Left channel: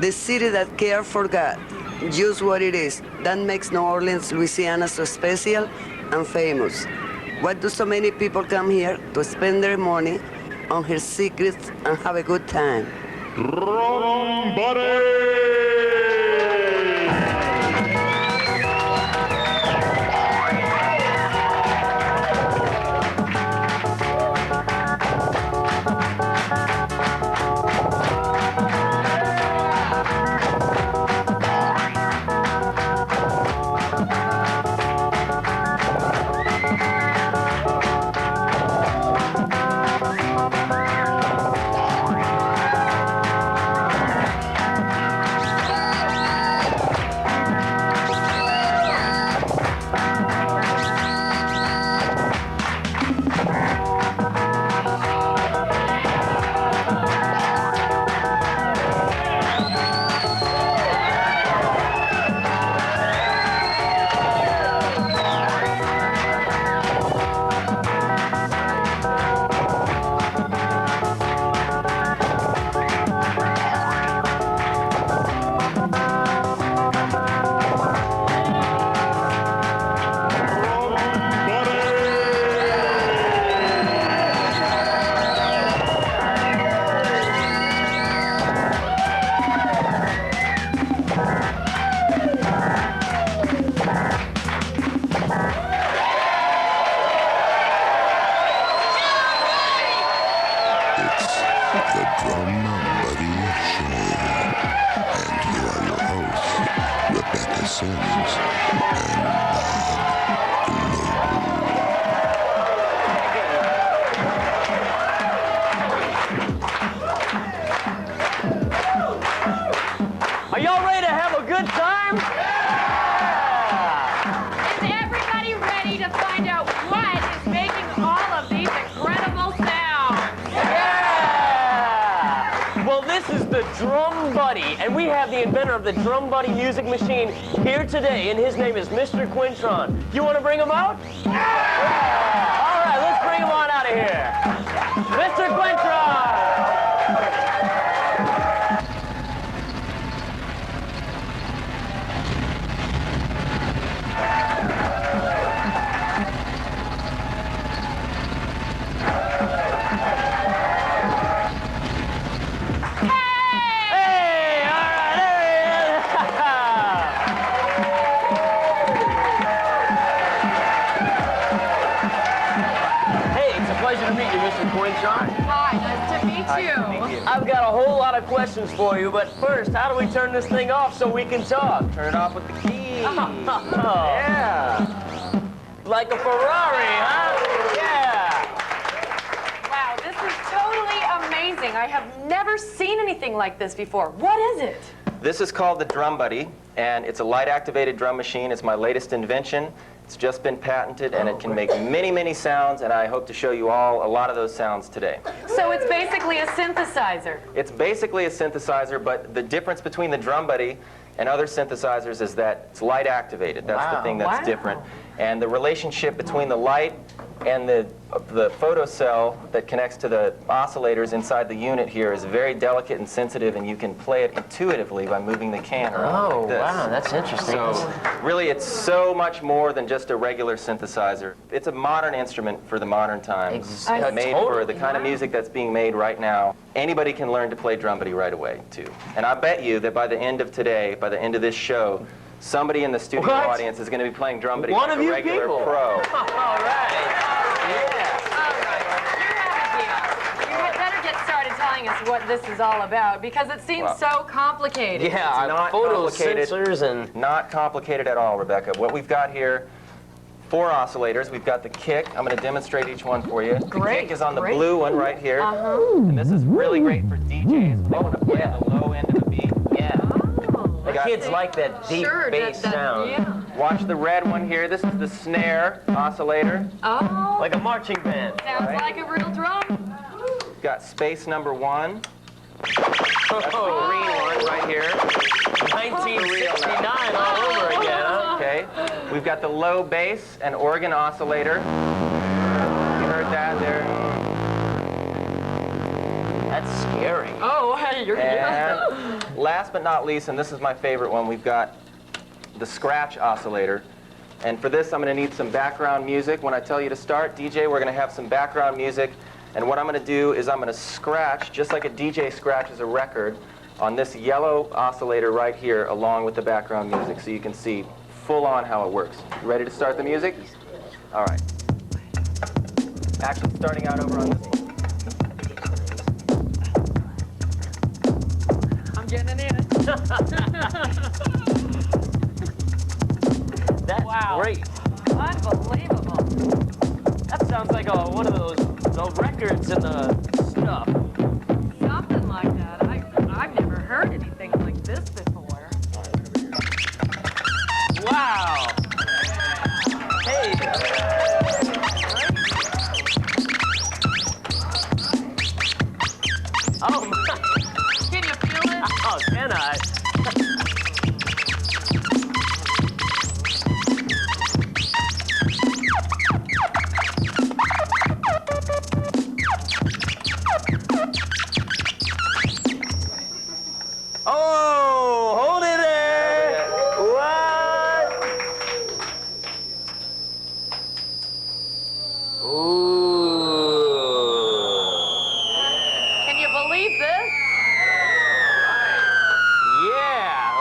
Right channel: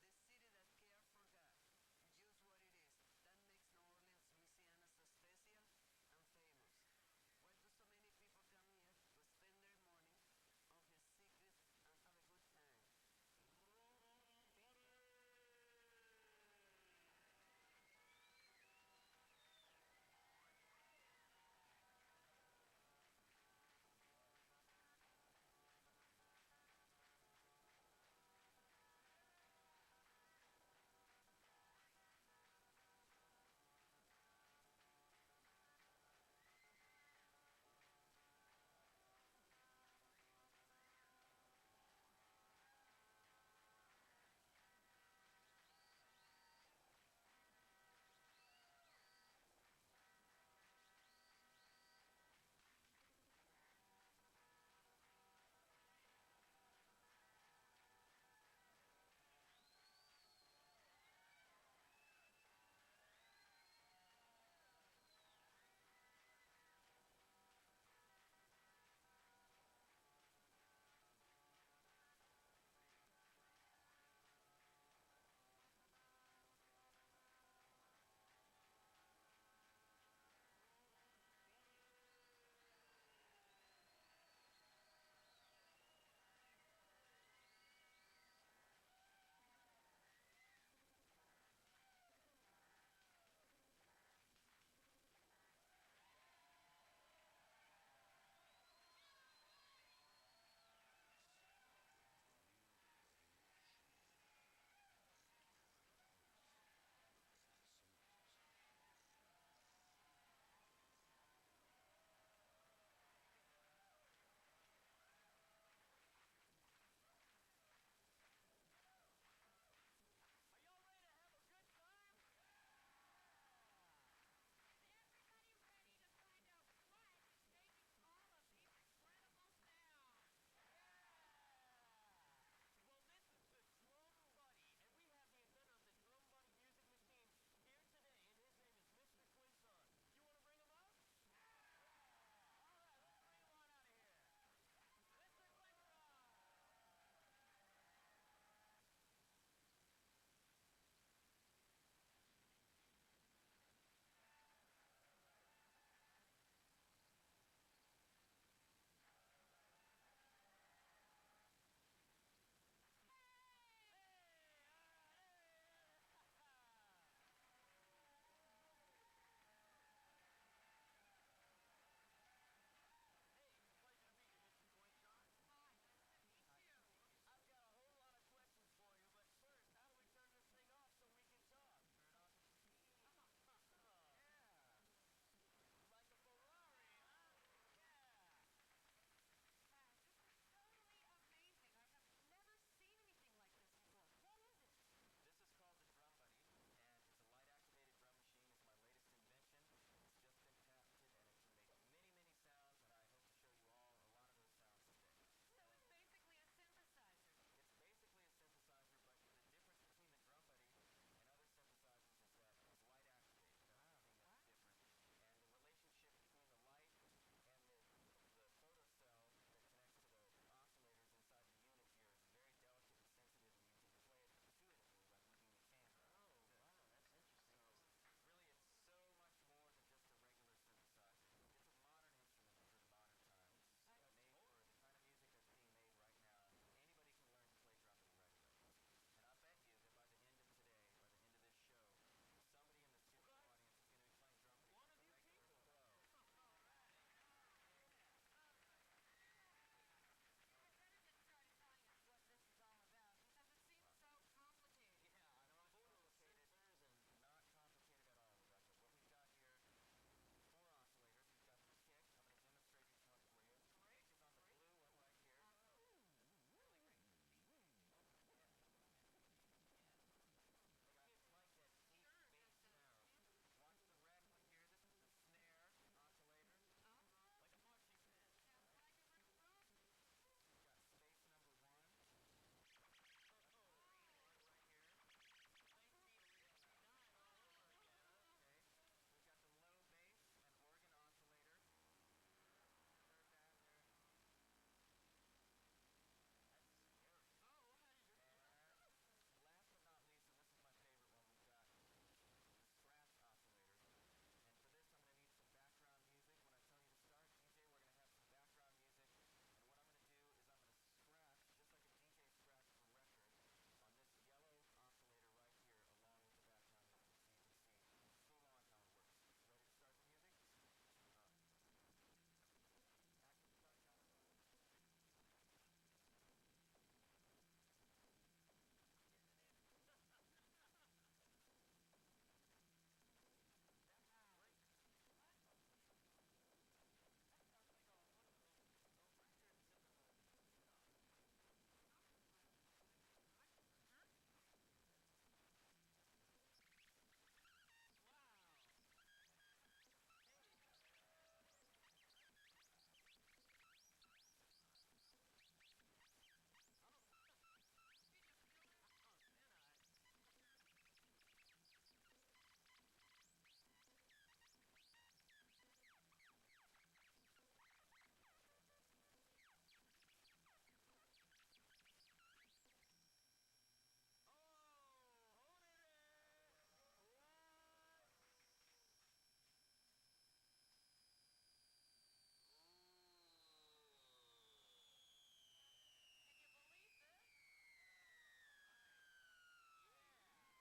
The city that cares for God, just what it is. That makes New Orleans, Louisiana so special and famous. Why do so many people come here to spend their money on her secrets and have a good time? Drum Buddy! The Drum Buddy Show. And here are your hosts, Rebecca Sims and Bob Global. Are y'all ready to have a good time? Yeah! Is everybody ready to find out what is making all of these incredible sounds? Yeah! Well, this is the Drum Buddy, and we have the inventor of the Drum Buddy music machine here today, and his name is Mr. Quintron. You want to bring him out? Yeah! All right, let's bring him on out of here. Mr. Quintron! Hi, nice to meet you. I've got a whole lot of questions for you, but first, how do we turn this thing off so we can talk? Turn it off with the key. Yeah. Like a Ferrari, huh? Yeah. Wow, this is totally amazing. I have never seen anything like this before. What is it? This is called the Drum Buddy, and it's a light-activated drum machine. It's my latest invention. It's just been patented, and it can make many, many sounds, and I hope to show you all a lot of those sounds today. So it's basically a synthesizer. It's basically a synthesizer, but the difference between the Drum Buddy and other synthesizers is that it's light-activated. That's the thing that's different. And the relationship between the light and the photocell that connects to the oscillators inside the unit here is very delicate and sensitive, and you can play it intuitively by moving the can around like this. Wow, that's interesting. So really, it's so much more than just a regular synthesizer. It's a modern instrument for the modern times, made for the kind of music that's being made right now. Anybody can learn to play Drum Buddy right away, too. And I bet you that by the end of today, by the end of this show, somebody in the studio audience is going to be playing Drum Buddy like a regular pro. All right. What this is all about, because it seems so complicated. Yeah, It's not photo complicated. sensors and Not complicated at all, Rebecca. What we've got here, 4 oscillators. We've got the kick. I'm going to demonstrate each one for you. The kick is on the blue one right here. And this is really great for DJs. They want to play at the low end of the beat. yeah. The kids like that deep bass sound. Yeah. Watch the red one here. This is the snare oscillator. Oh, Like a marching band. sounds like a real drum. We've got space number 1. That's the green one right here. 1969 all over again, huh? Okay. We've got the low bass and organ oscillator. You heard that there? That's That's scary. Oh, hey, you're And last but not least, and this is my favorite one, we've got the scratch oscillator. And for this, I'm going to need some background music. When I tell you to start, DJ, we're going to have some background music. And what I'm going to do is I'm going to scratch, just like a DJ scratches a record, on this yellow oscillator right here, along with the background music, so you can see full on how it works. You ready to start the music? All right. Actually, starting out over on this one. I'm getting it in. That's Wow. great. Unbelievable. That sounds like one of those records in the stuff. Something like that. I've never heard anything like this before. Wow. Hey. Oh my. Can you feel it? Oh, can I? Oh, hold it there. What? Ooh. Can you believe this? Yeah.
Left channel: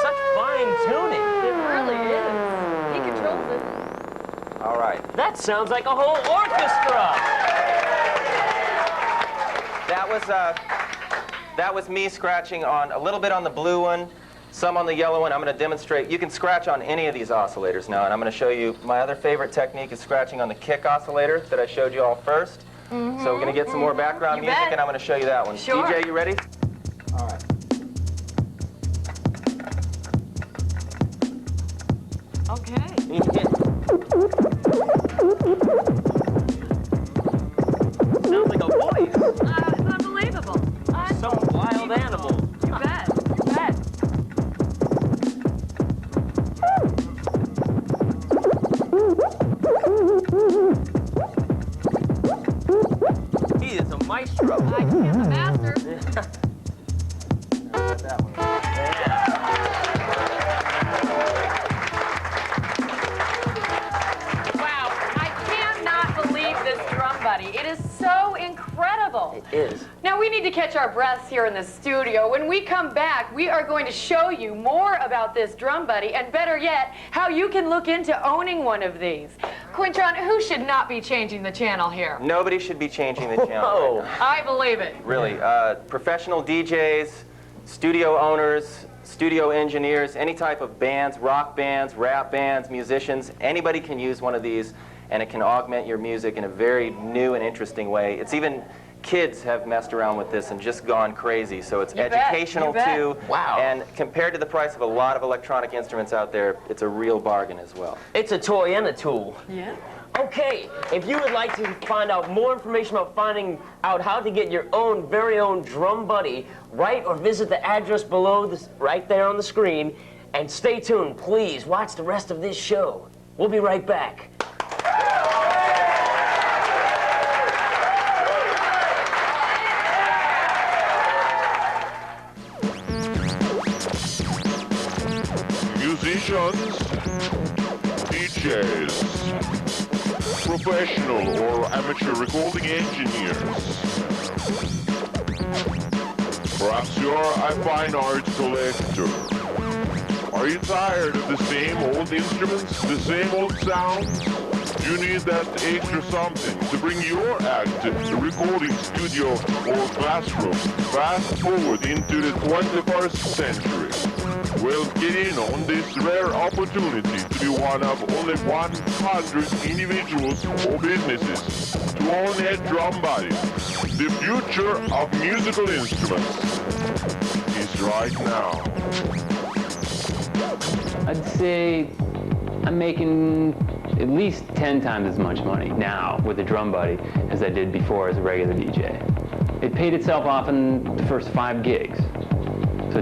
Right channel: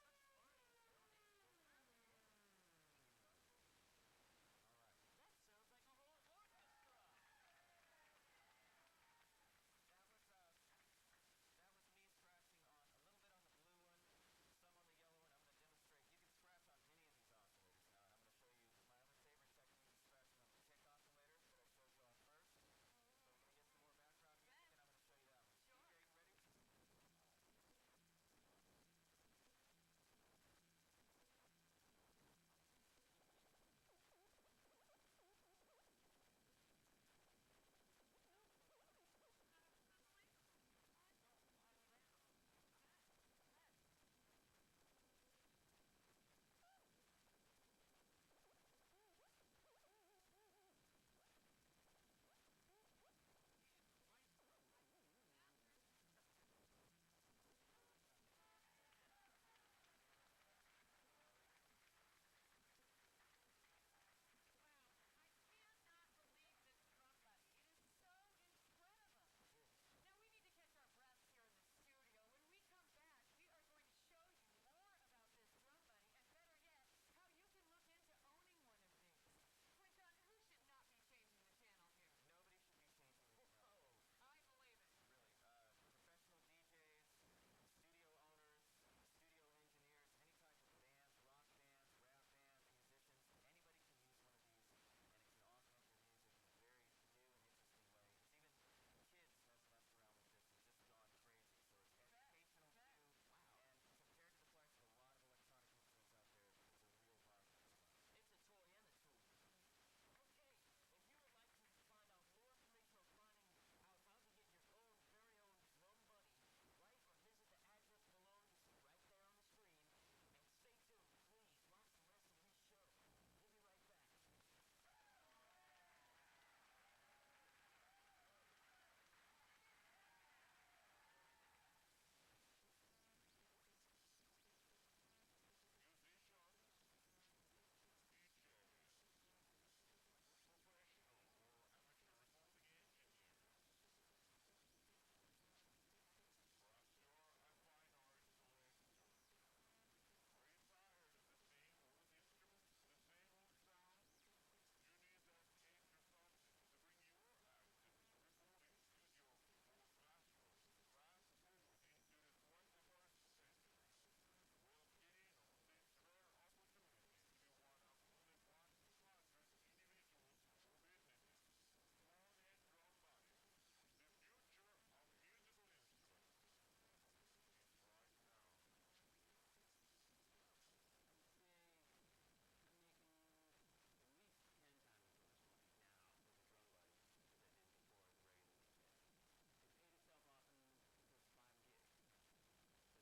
Such fine tuning. It really is. He controls it. All right. That sounds like a whole orchestra. That was me scratching on a little bit on the blue one, some on the yellow one. I'm going to demonstrate. You can scratch on any of these oscillators now, and I'm going to show you my other favorite technique is scratching on the kick oscillator that I showed you all first. So we're going to get some more background You music, bet. and I'm going to show you that one. Sure. DJ, you ready? All right. Okay. Sounds like a voice. It's unbelievable. Some wild animal. You bet. You bet. He is a maestro. I am the master. That one. Wow. I cannot believe this drum buddy. It is so incredible. It is. Now, we need to catch our breaths here in the studio. When we come back, we are going to show you more about this drum buddy, and better yet, how you can look into owning one of these. Quintron, who should not be changing the channel here? Nobody should be changing the channel. Whoa. Right now. I believe it. Really, professional DJs, studio owners, studio engineers, any type of bands, rock bands, rap bands, musicians, anybody can use one of these, and it can augment your music in a very new and interesting way. It's even, kids have messed around with this and just gone crazy, so it's You bet, educational you bet. too. Wow. And compared to the price of a lot of electronic instruments out there, it's a real bargain as well. It's a toy and a tool. Yeah. Okay, if you would like to find out more information about finding out how to get your own very own drum buddy, write or visit the address below this, right there on the screen, and stay tuned. Please watch the rest of this show. We'll be right back. Musicians, DJs, professional or amateur recording engineers. Perhaps you're a fine art collector. Are you tired of the same old instruments, the same old sounds? You need that extra something to bring your act to the recording studio or classroom fast forward into the 21st century. Well, get in on this rare opportunity to be one of only 100 individuals or businesses to own a drum body. The future of musical instruments is right now. I'd say I'm making at least 10 times as much money now with a drum buddy as I did before as a regular DJ. It paid itself off in the first 5 gigs. So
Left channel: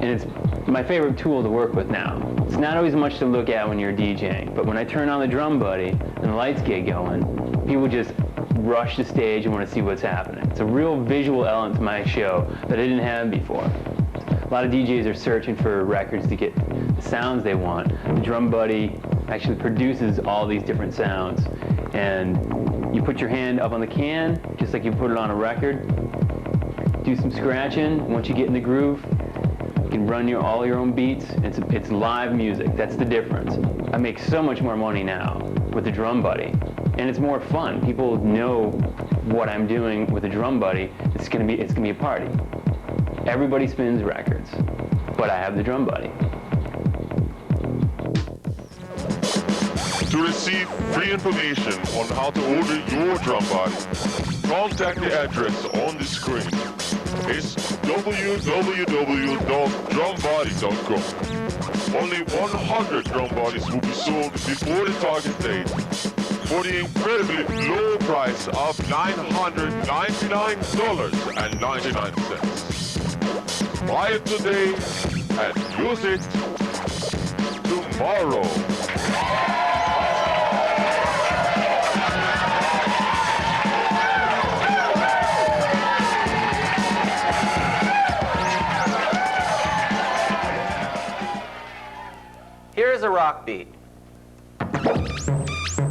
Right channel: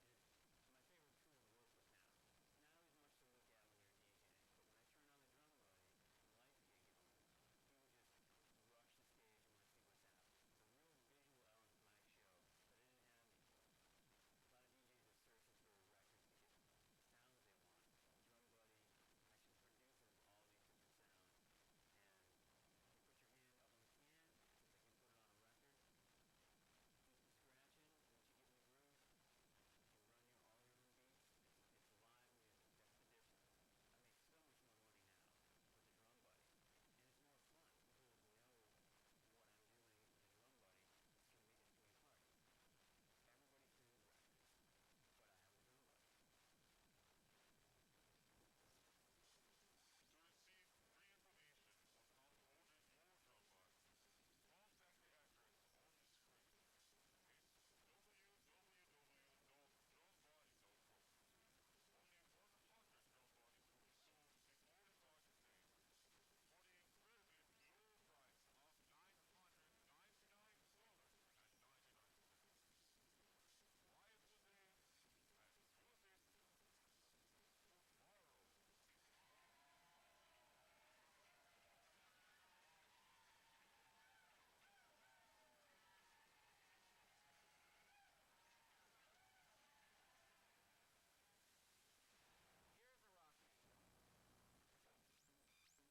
it's my favorite tool to work with now. It's not always much to look at when you're DJing, but when I turn on the drum buddy and the lights get going, people just rush the stage and want to see what's happening. It's a real visual element to my show that I didn't have before. A lot of DJs are searching for records to get the sounds they want. The Drum Buddy actually produces all these different sounds. And you put your hand up on the can, just like you put it on a record, do some scratching. Once you get in the groove, you can run all your own beats. It's live music. That's the difference. I make so much more money now with the Drum Buddy, and it's more fun. People know what I'm doing with the Drum Buddy. It's gonna be a party. Everybody spins records, but I have the Drum Buddy. To receive free information on how to order your drum body, contact the address on the screen. It's www.drumbody.com. Only 100 drum bodies will be sold before the target date for the incredibly low price of $999.99. Buy it today and use it tomorrow. Here's a rock beat.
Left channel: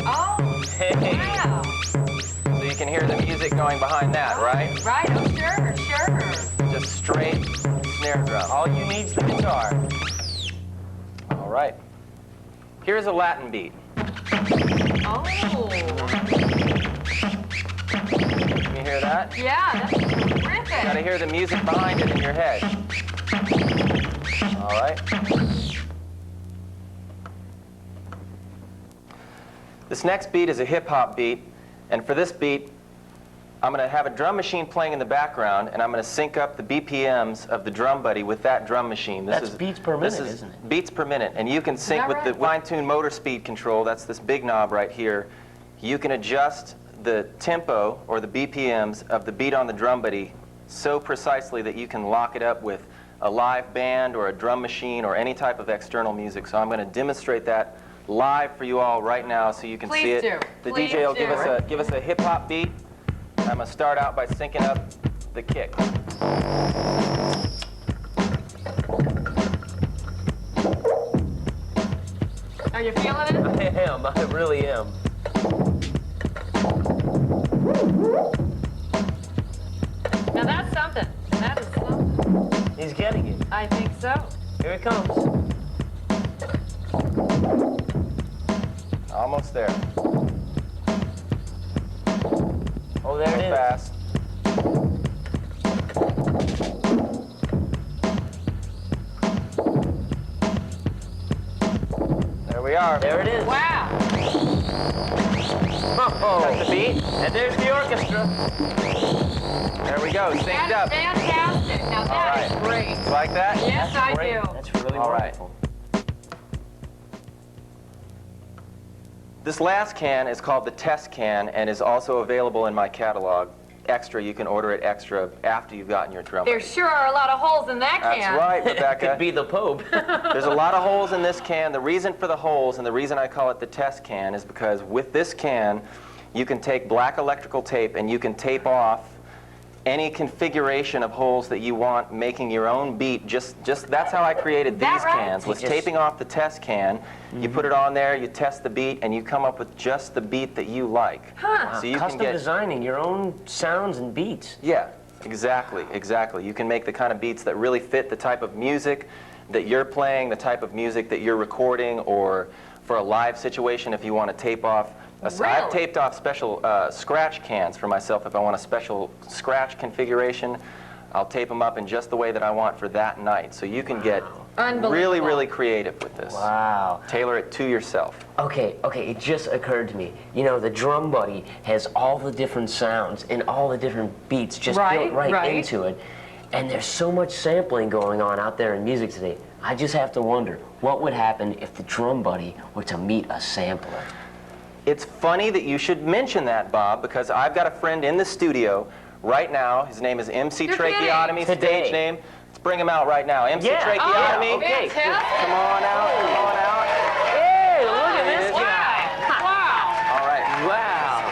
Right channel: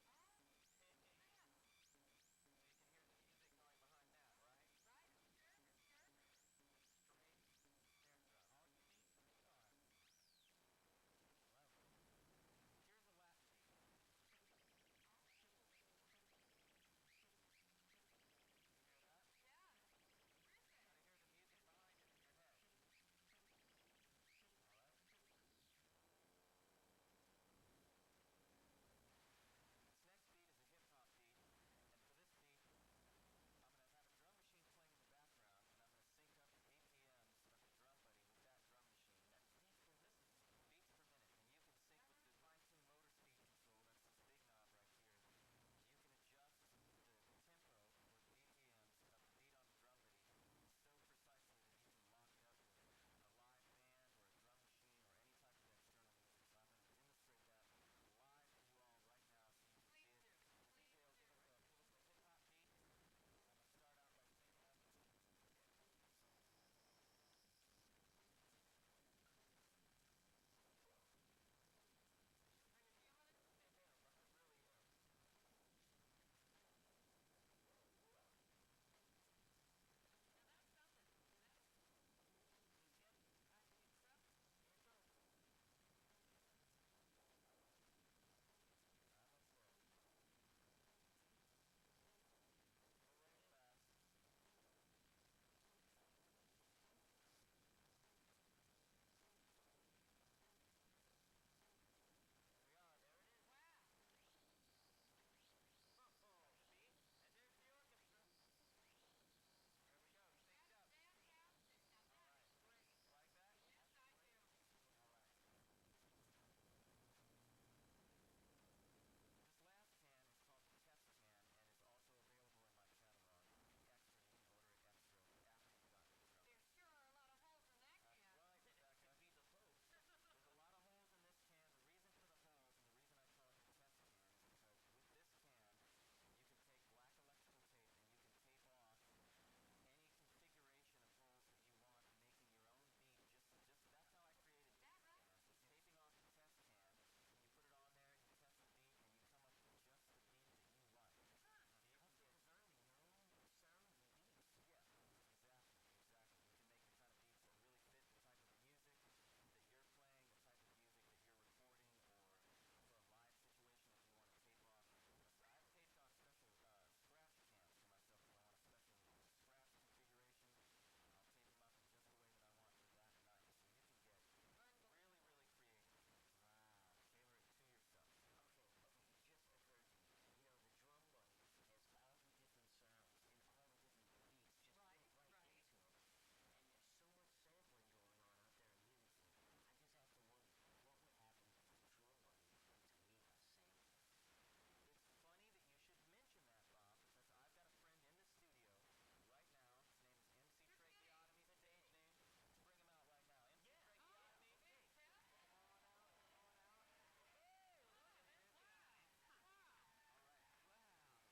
Oh, Hey. wow. So you can hear the music going behind that, right? Right, oh, sure, sure. Just straight snare drum. All you need is the guitar. All right. Here's a Latin beat. Oh. Can you hear that? Yeah, that's terrific. You gotta hear the music behind it in your head. All right. This next beat is a hip-hop beat, and for this beat, I'm going to have a drum machine playing in the background, and I'm going to sync up the BPMs of the Drum Buddy with that drum machine. That's beats per minute, isn't it? Beats per minute, and you can sync with the fine-tuned motor speed control. That's this big knob right here. You can adjust the tempo or the BPMs of the beat on the Drum Buddy so precisely that you can lock it up with a live band or a drum machine or any type of external music. So I'm going to demonstrate that live for you all right now so you can see it. The DJ will give us a hip hop beat. I'm going to start out by syncing up the kick. Are you feeling it? I am. I really am. Now that's something. That is something. He's getting it. I think so. Here it comes. Almost there. Oh, there it is. Fast. There we are. There it is. Wow. Got the beat. And there's the orchestra. There we go. Synced up. That's fantastic. Now that is great. You like that? Yes, I Great. do. That's really All right. wonderful. This last can is called the test can and is also available in my catalog. Extra, you can order it extra after you've gotten your drum. There sure are a lot of holes in that That's can. right, Rebecca. Could be the Pope. There's a lot of holes in this can. The reason for the holes and the reason I call it the test can is because with this can, you can take black electrical tape and you can tape off any configuration of holes that you want, making your own beat. Just that's how I created these cans, was taping off the test can. You put it on there, you test the beat, and you come up with just the beat that you like. Huh. So you Custom can get designing your own sounds and beats. Yeah, exactly. You can make the kind of beats that really fit the type of music that you're playing, the type of music that you're recording, or for a live situation if you want to tape off. I've taped off special scratch cans for myself if I want a special scratch configuration. I'll tape them up in just the way that I want for that night. So you can get really, really creative with this. Wow. Tailor it to yourself. Okay, it just occurred to me. You know, the Drum Buddy has all the different sounds and all the different beats just built right into it. And there's so much sampling going on out there in music today. I just have to wonder, what would happen if the Drum Buddy were to meet a sampler? It's funny that you should mention that, Bob, because I've got a friend in the studio right now. His name is MC Tracheotomy, stage name. Let's bring him out right now. MC Tracheotomy. Oh, okay. Come on out, come on out. Hey, look at this guy. Wow. All right. Wow.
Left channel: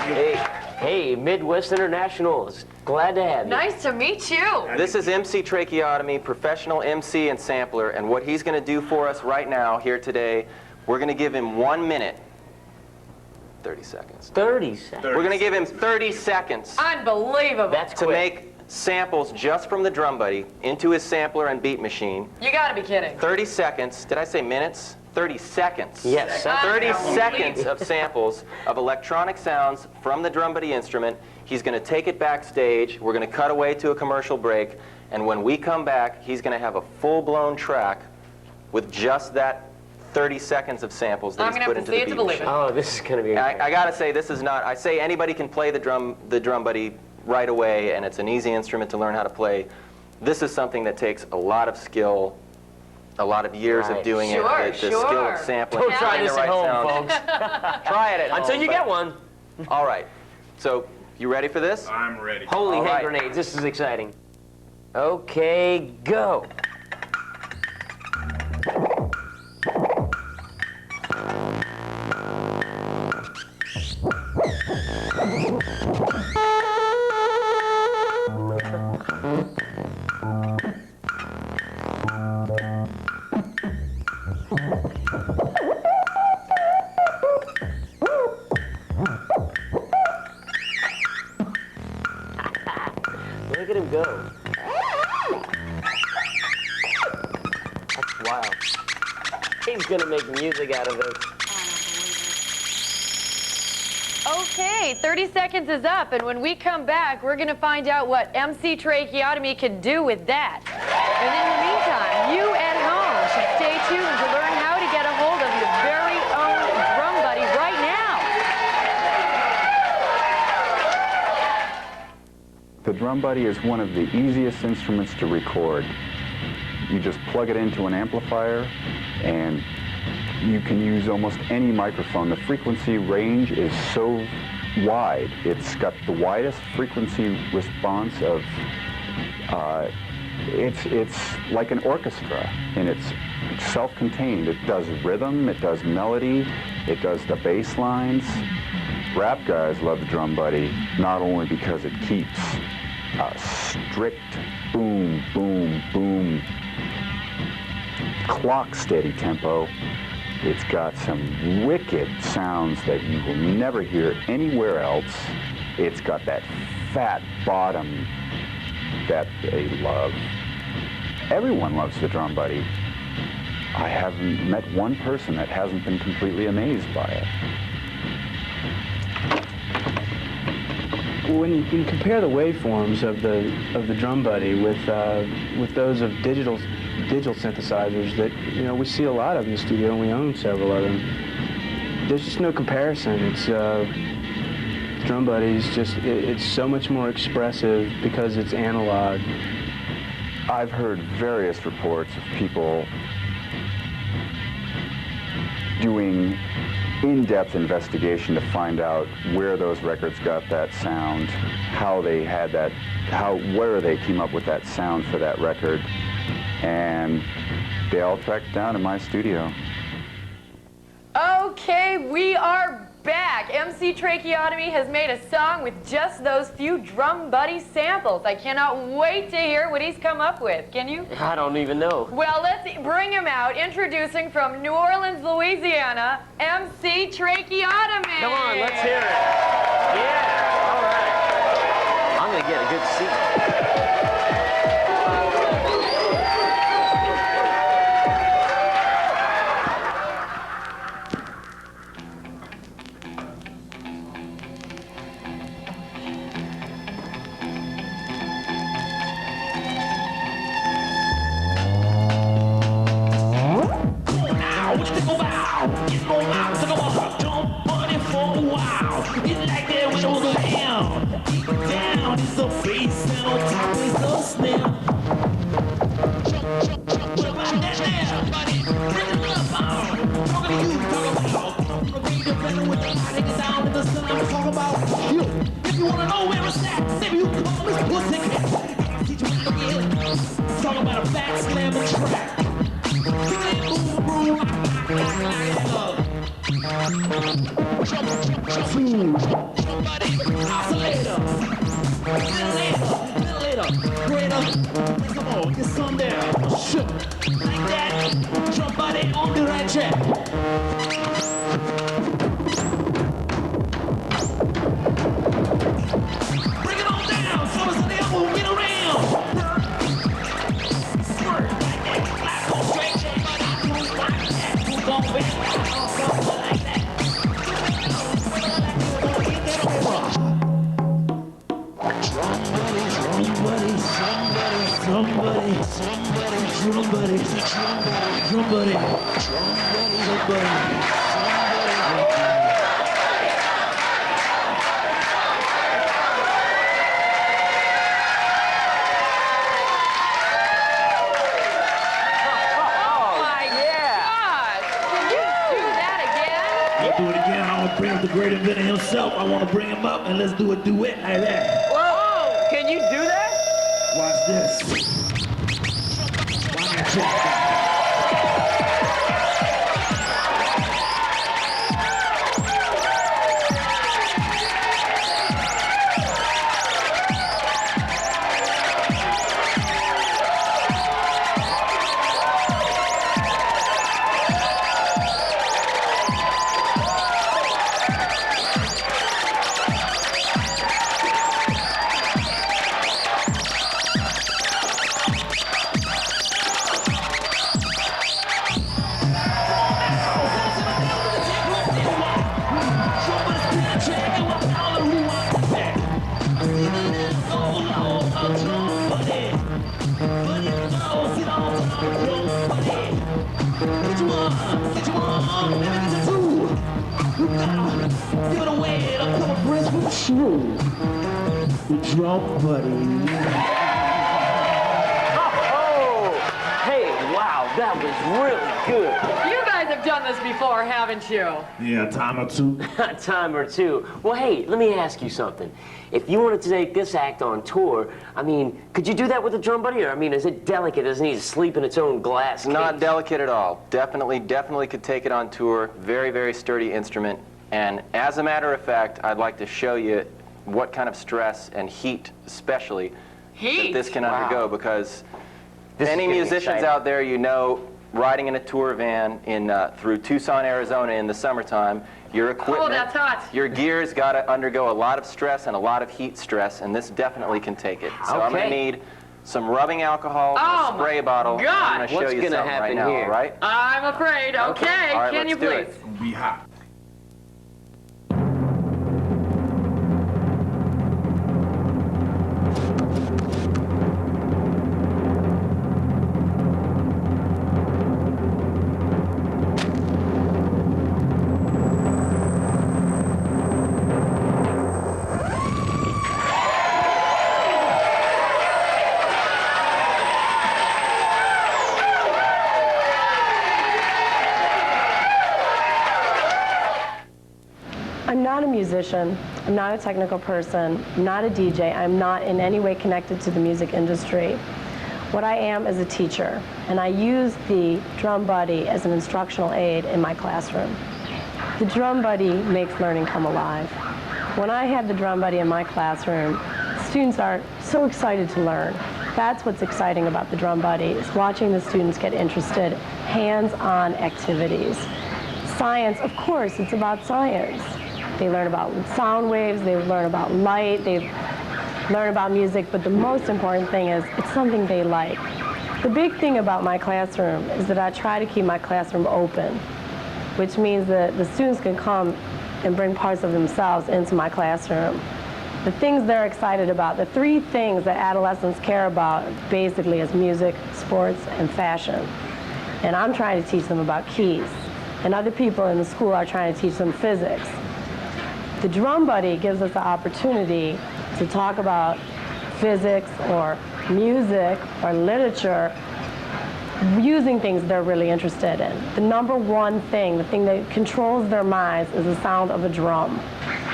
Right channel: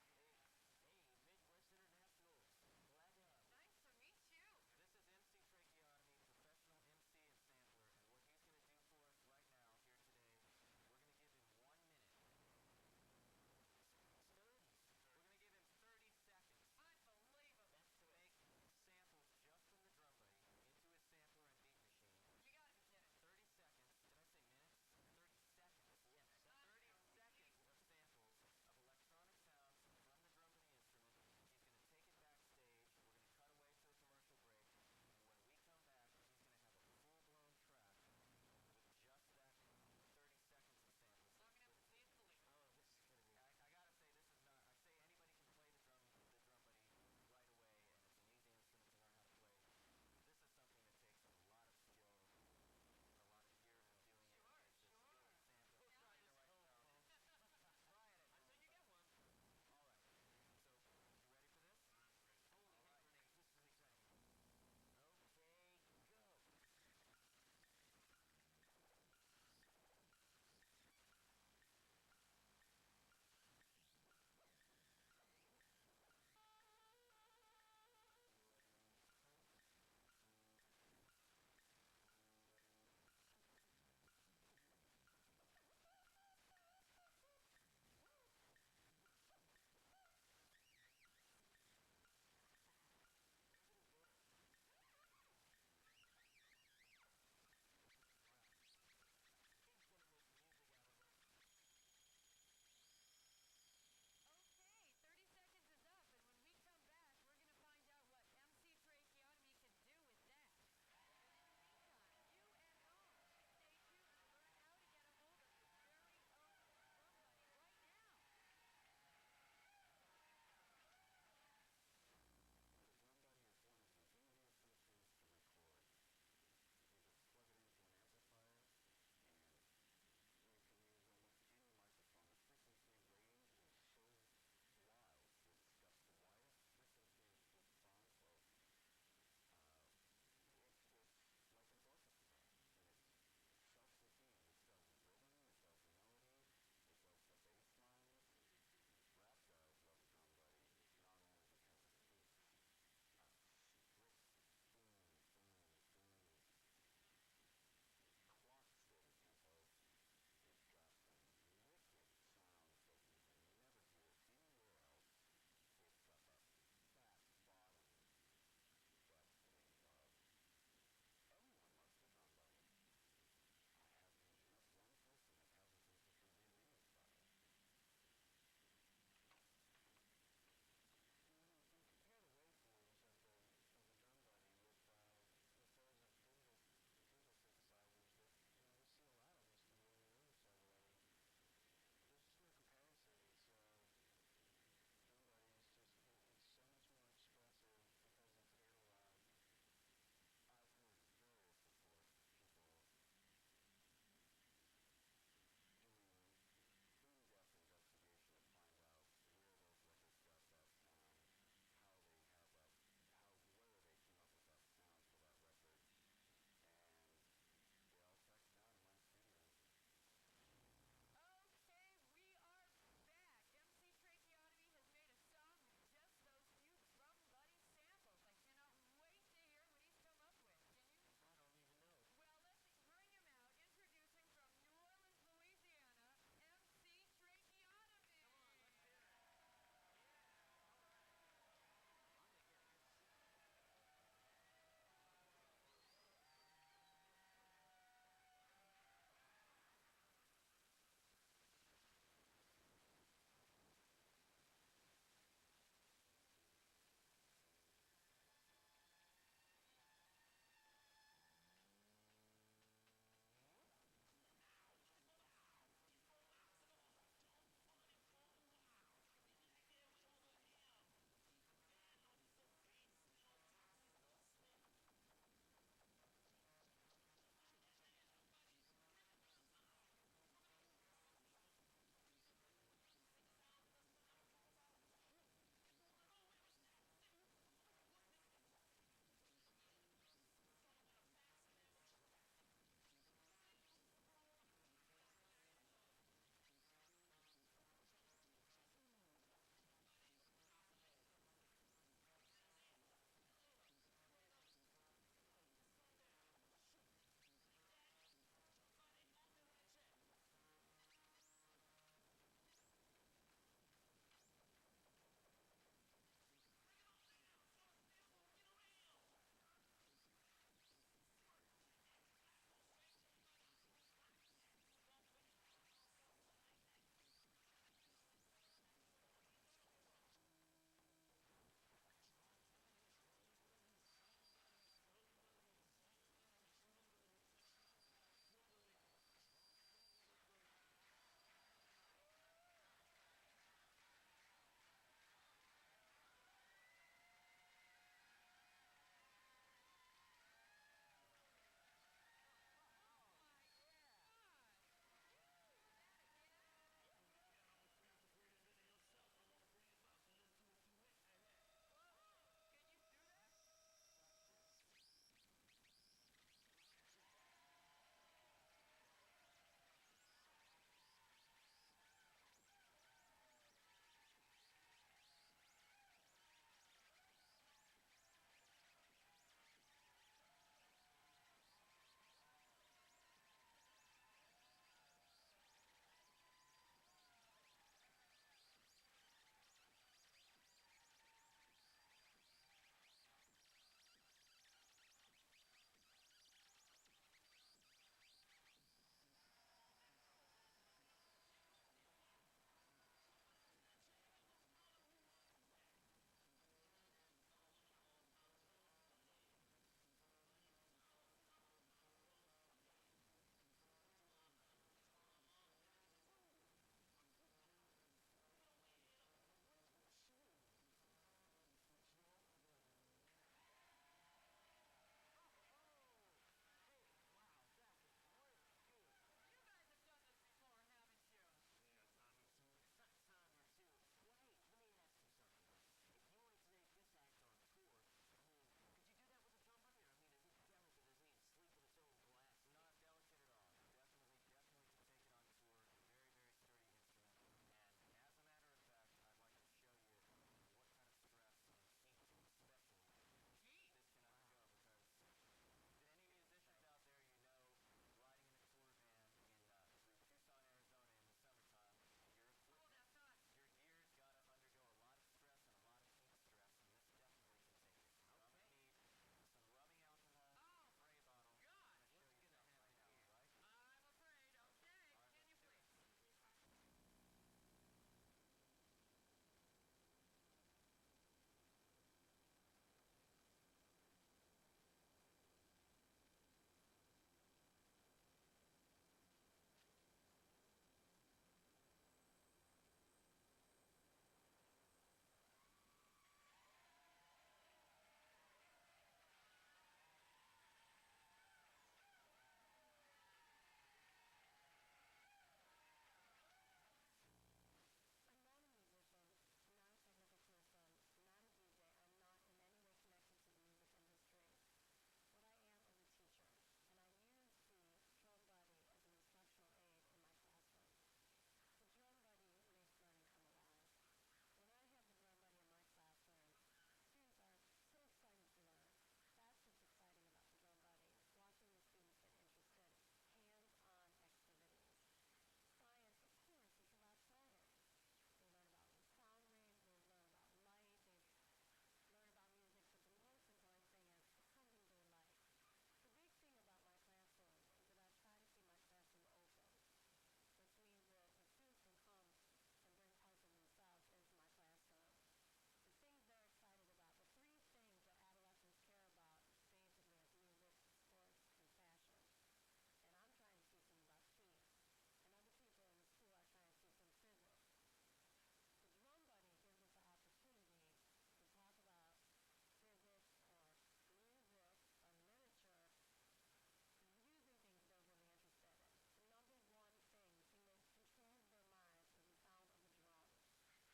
Hey, Midwest International is glad to have you. Nice to meet you. This is MC Tracheotomy, professional MC and sampler, and what he's going to do for us right now, here today, we're going to give him 1 minute. 30 seconds. 30 seconds. We're going to give him 30 seconds. Unbelievable. That's to quick. make samples just from the drum buddy into his sampler and beat machine. You gotta be kidding. 30 seconds. Did I say minutes? 30 seconds. Yes. 30 seconds of samples of electronic sounds from the drum buddy instrument. He's going to take it backstage. We're going to cut away to a commercial break. And when we come back, he's going to have a full-blown track with just that 30 seconds of samples that he's put into the beat machine. Oh, this is going to be I got to say, this is not, I say anybody can play the drum buddy right away, and it's an easy instrument to learn how to play. This is something that takes a lot of skill, a lot of years of doing it, the skill of sampling. Don't try this at home, folks. Try it at home. Until you get one. All right. So, you ready for this? I'm ready. Holy All hand right. grenades, this is exciting. Okay, go. Look at him go. That's wild. He's gonna make music out of this. Okay, 30 seconds is up, and when we come back, we're gonna find out what MC Tracheotomy can do with that. And in the meantime, you at home should stay tuned to learn how to get a hold of your very own drum buddy right now. The drum buddy is one of the easiest instruments to record. You just plug it into an amplifier and you can use almost any microphone. The frequency range is so wide. It's got the widest frequency response of, it's like an orchestra, and it's self-contained. It does rhythm, it does melody, it does the bass lines. Rap guys love the drum buddy, not only because it keeps a strict boom, boom, boom, clock steady tempo. It's got some wicked sounds that you will never hear anywhere else. It's got that fat bottom that they love. Everyone loves the drum buddy. I haven't met one person that hasn't been completely amazed by it. When you compare the waveforms of the drum buddy with those of digital synthesizers that we see a lot of in the studio, and we own several of them, there's just no comparison. It's drum buddy is just it's so much more expressive because it's analog. I've heard various reports of people doing in-depth investigation to find out where those records got that sound, how they had that, where they came up with that sound for that record, and they all tracked down in my studio. Okay, we are back. MC Tracheotomy has made a song with just those few drum buddy samples. I cannot wait to hear what he's come up with. Can you? I don't even know. Well, let's bring him out. Introducing from New Orleans, Louisiana, MC Tracheotomy. Come on, let's hear it. Yeah, all right. I'm going to get a good seat. Oscillator. focus on there. Shook. Like that. Drum body on the right track. Bring it on down. So it's the elbow. Get around. Squirt. Like that. Clap on straight. Drum body. Move like that. Move on with it. Something like that. Somebody. Do it again. I want to bring up the great inventor himself. I want to bring him up and let's do a duet like that. Whoa! Can you do that? Watch this. Watch me check. Drum buddy. Oh, hey, wow, that was really good. You guys have done this before, haven't you? Yeah, time or two. A time or two. Well, hey, let me ask you something. If you wanted to take this act on tour, I mean, could you do that with a drum buddy? Or, I mean, is it delicate? Does it need to sleep in its own glass case? Not delicate at all. Definitely could take it on tour. Very, very sturdy instrument. And as a matter of fact, I'd like to show you what kind of stress and heat, especially, that this can undergo, because any musicians out there, you know, riding in a tour van through Tucson, Arizona in the summertime, your equipment, that's hot. your gear's got to undergo a lot of stress and a lot of heat stress, and this definitely can take it. So I'm going to need some rubbing alcohol, a spray bottle. God. I'm going to show you something right now, all right? I'm afraid. Okay. All right, Can you let's do please? it. Be hot. I'm not a musician, I'm not a technical person, I'm not a DJ, I'm not in any way connected to the music industry. What I am is a teacher, and I use the drum buddy as an instructional aid in my classroom. The drum buddy makes learning come alive. When I have the drum buddy in my classroom, students are so excited to learn. That's what's exciting about the drum buddy, is watching the students get interested, hands-on activities. Science, of course, it's about science. They learn about sound waves, they learn about light, they learn about music, but the most important thing is it's something they like. The big thing about my classroom is that I try to keep my classroom open, which means that the students can come and bring parts of themselves into my classroom. The things they're excited about, the three things that adolescents care about basically is music, sports, and fashion. And I'm trying to teach them about keys. And other people in the school are trying to teach them physics. The drum buddy gives us the opportunity to talk about physics or music or literature using things they're really interested in. The number one thing, the thing that controls their minds, is the sound of a drum.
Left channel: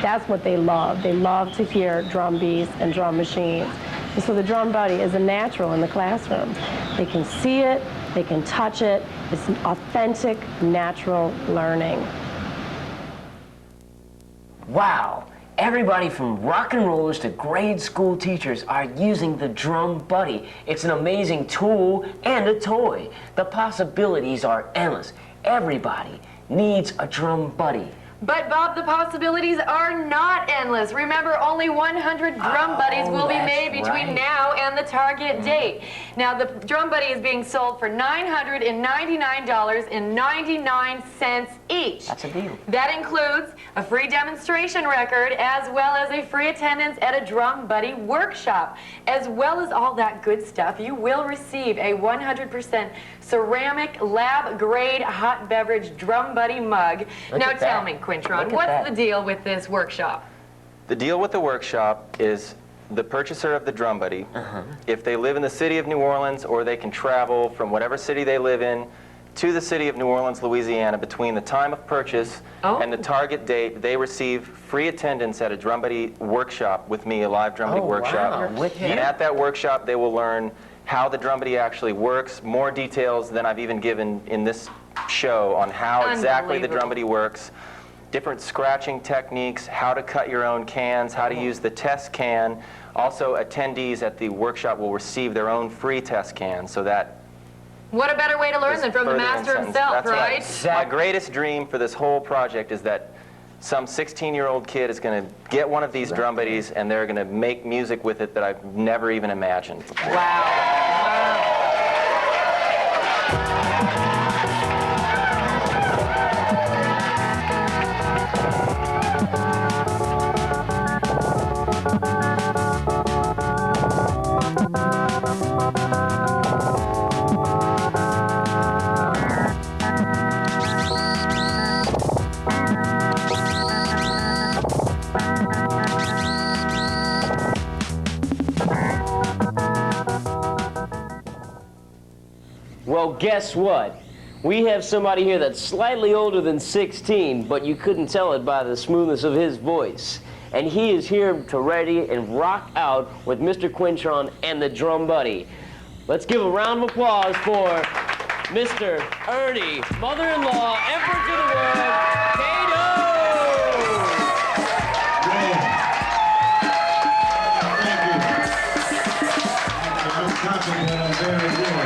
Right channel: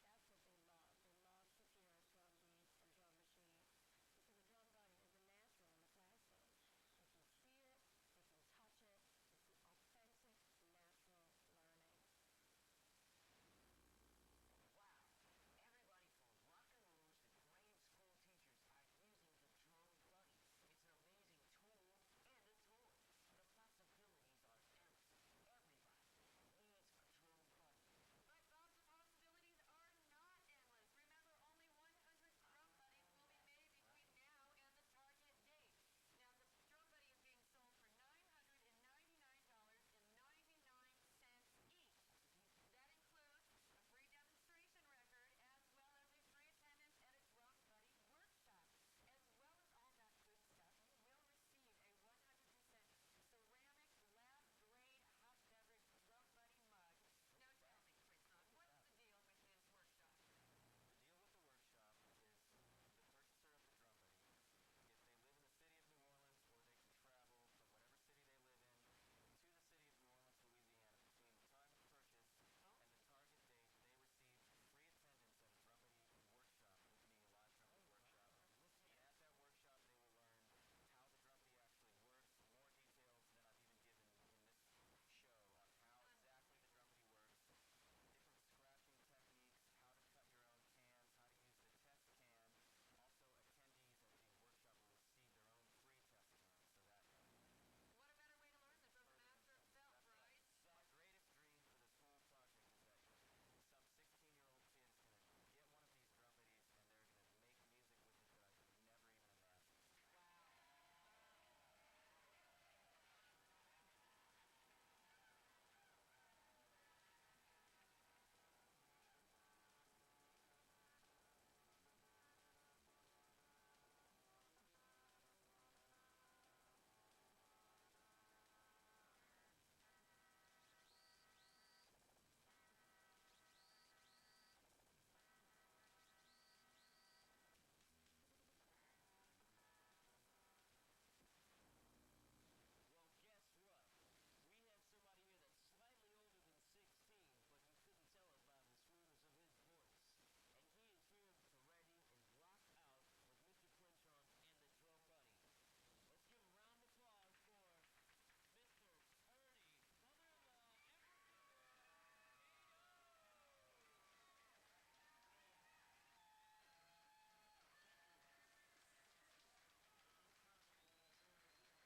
That's what they love. They love to hear drum beats and drum machines. And so the drum buddy is a natural in the classroom. They can see it, they can touch it. It's an authentic, natural learning. Wow. Everybody from rock and rollers to grade school teachers are using the Drum Buddy. It's an amazing tool and a toy. The possibilities are endless. Everybody needs a Drum Buddy. But Bob, the possibilities are not endless. Remember, only 100 Drum Buddies will be made between now and the target date. Now, the Drum Buddy is being sold for $999.99 each. That's a deal. That includes a free demonstration record as well as a free attendance at a Drum Buddy workshop. As well as all that good stuff, you will receive a 100% ceramic lab-grade hot beverage Drum Buddy mug. Now tell me, Quintron, what's the deal with this workshop? The deal with the workshop is the purchaser of the Drum Buddy, if they live in the city of New Orleans, or they can travel from whatever city they live in to the city of New Orleans, Louisiana, between the time of purchase and the target date, they receive free attendance at a Drum Buddy workshop with me, a live Drum Buddy workshop. Wow. And at that workshop, they will learn how the Drum Buddy actually works, more details than I've even given in this show on how exactly the Drum Buddy works, different scratching techniques, how to cut your own cans, how to use the test can. Also, attendees at the workshop will receive their own free test can, so that what a better way to learn than from the master himself, right? My greatest dream for this whole project is that some 16-year-old kid is going to get one of these Drum Buddies and they're going to make music with it that I've never even imagined before. Wow. Well, guess what? We have somebody here that's slightly older than 16, but you couldn't tell it by the smoothness of his voice. And he is here to ready and rock out with Mr. Quintron and the Drum Buddy. Let's give a round of applause for Mr. Ernie, mother-in-law, Emperor to the world, Kato! Thank you. I'm very good.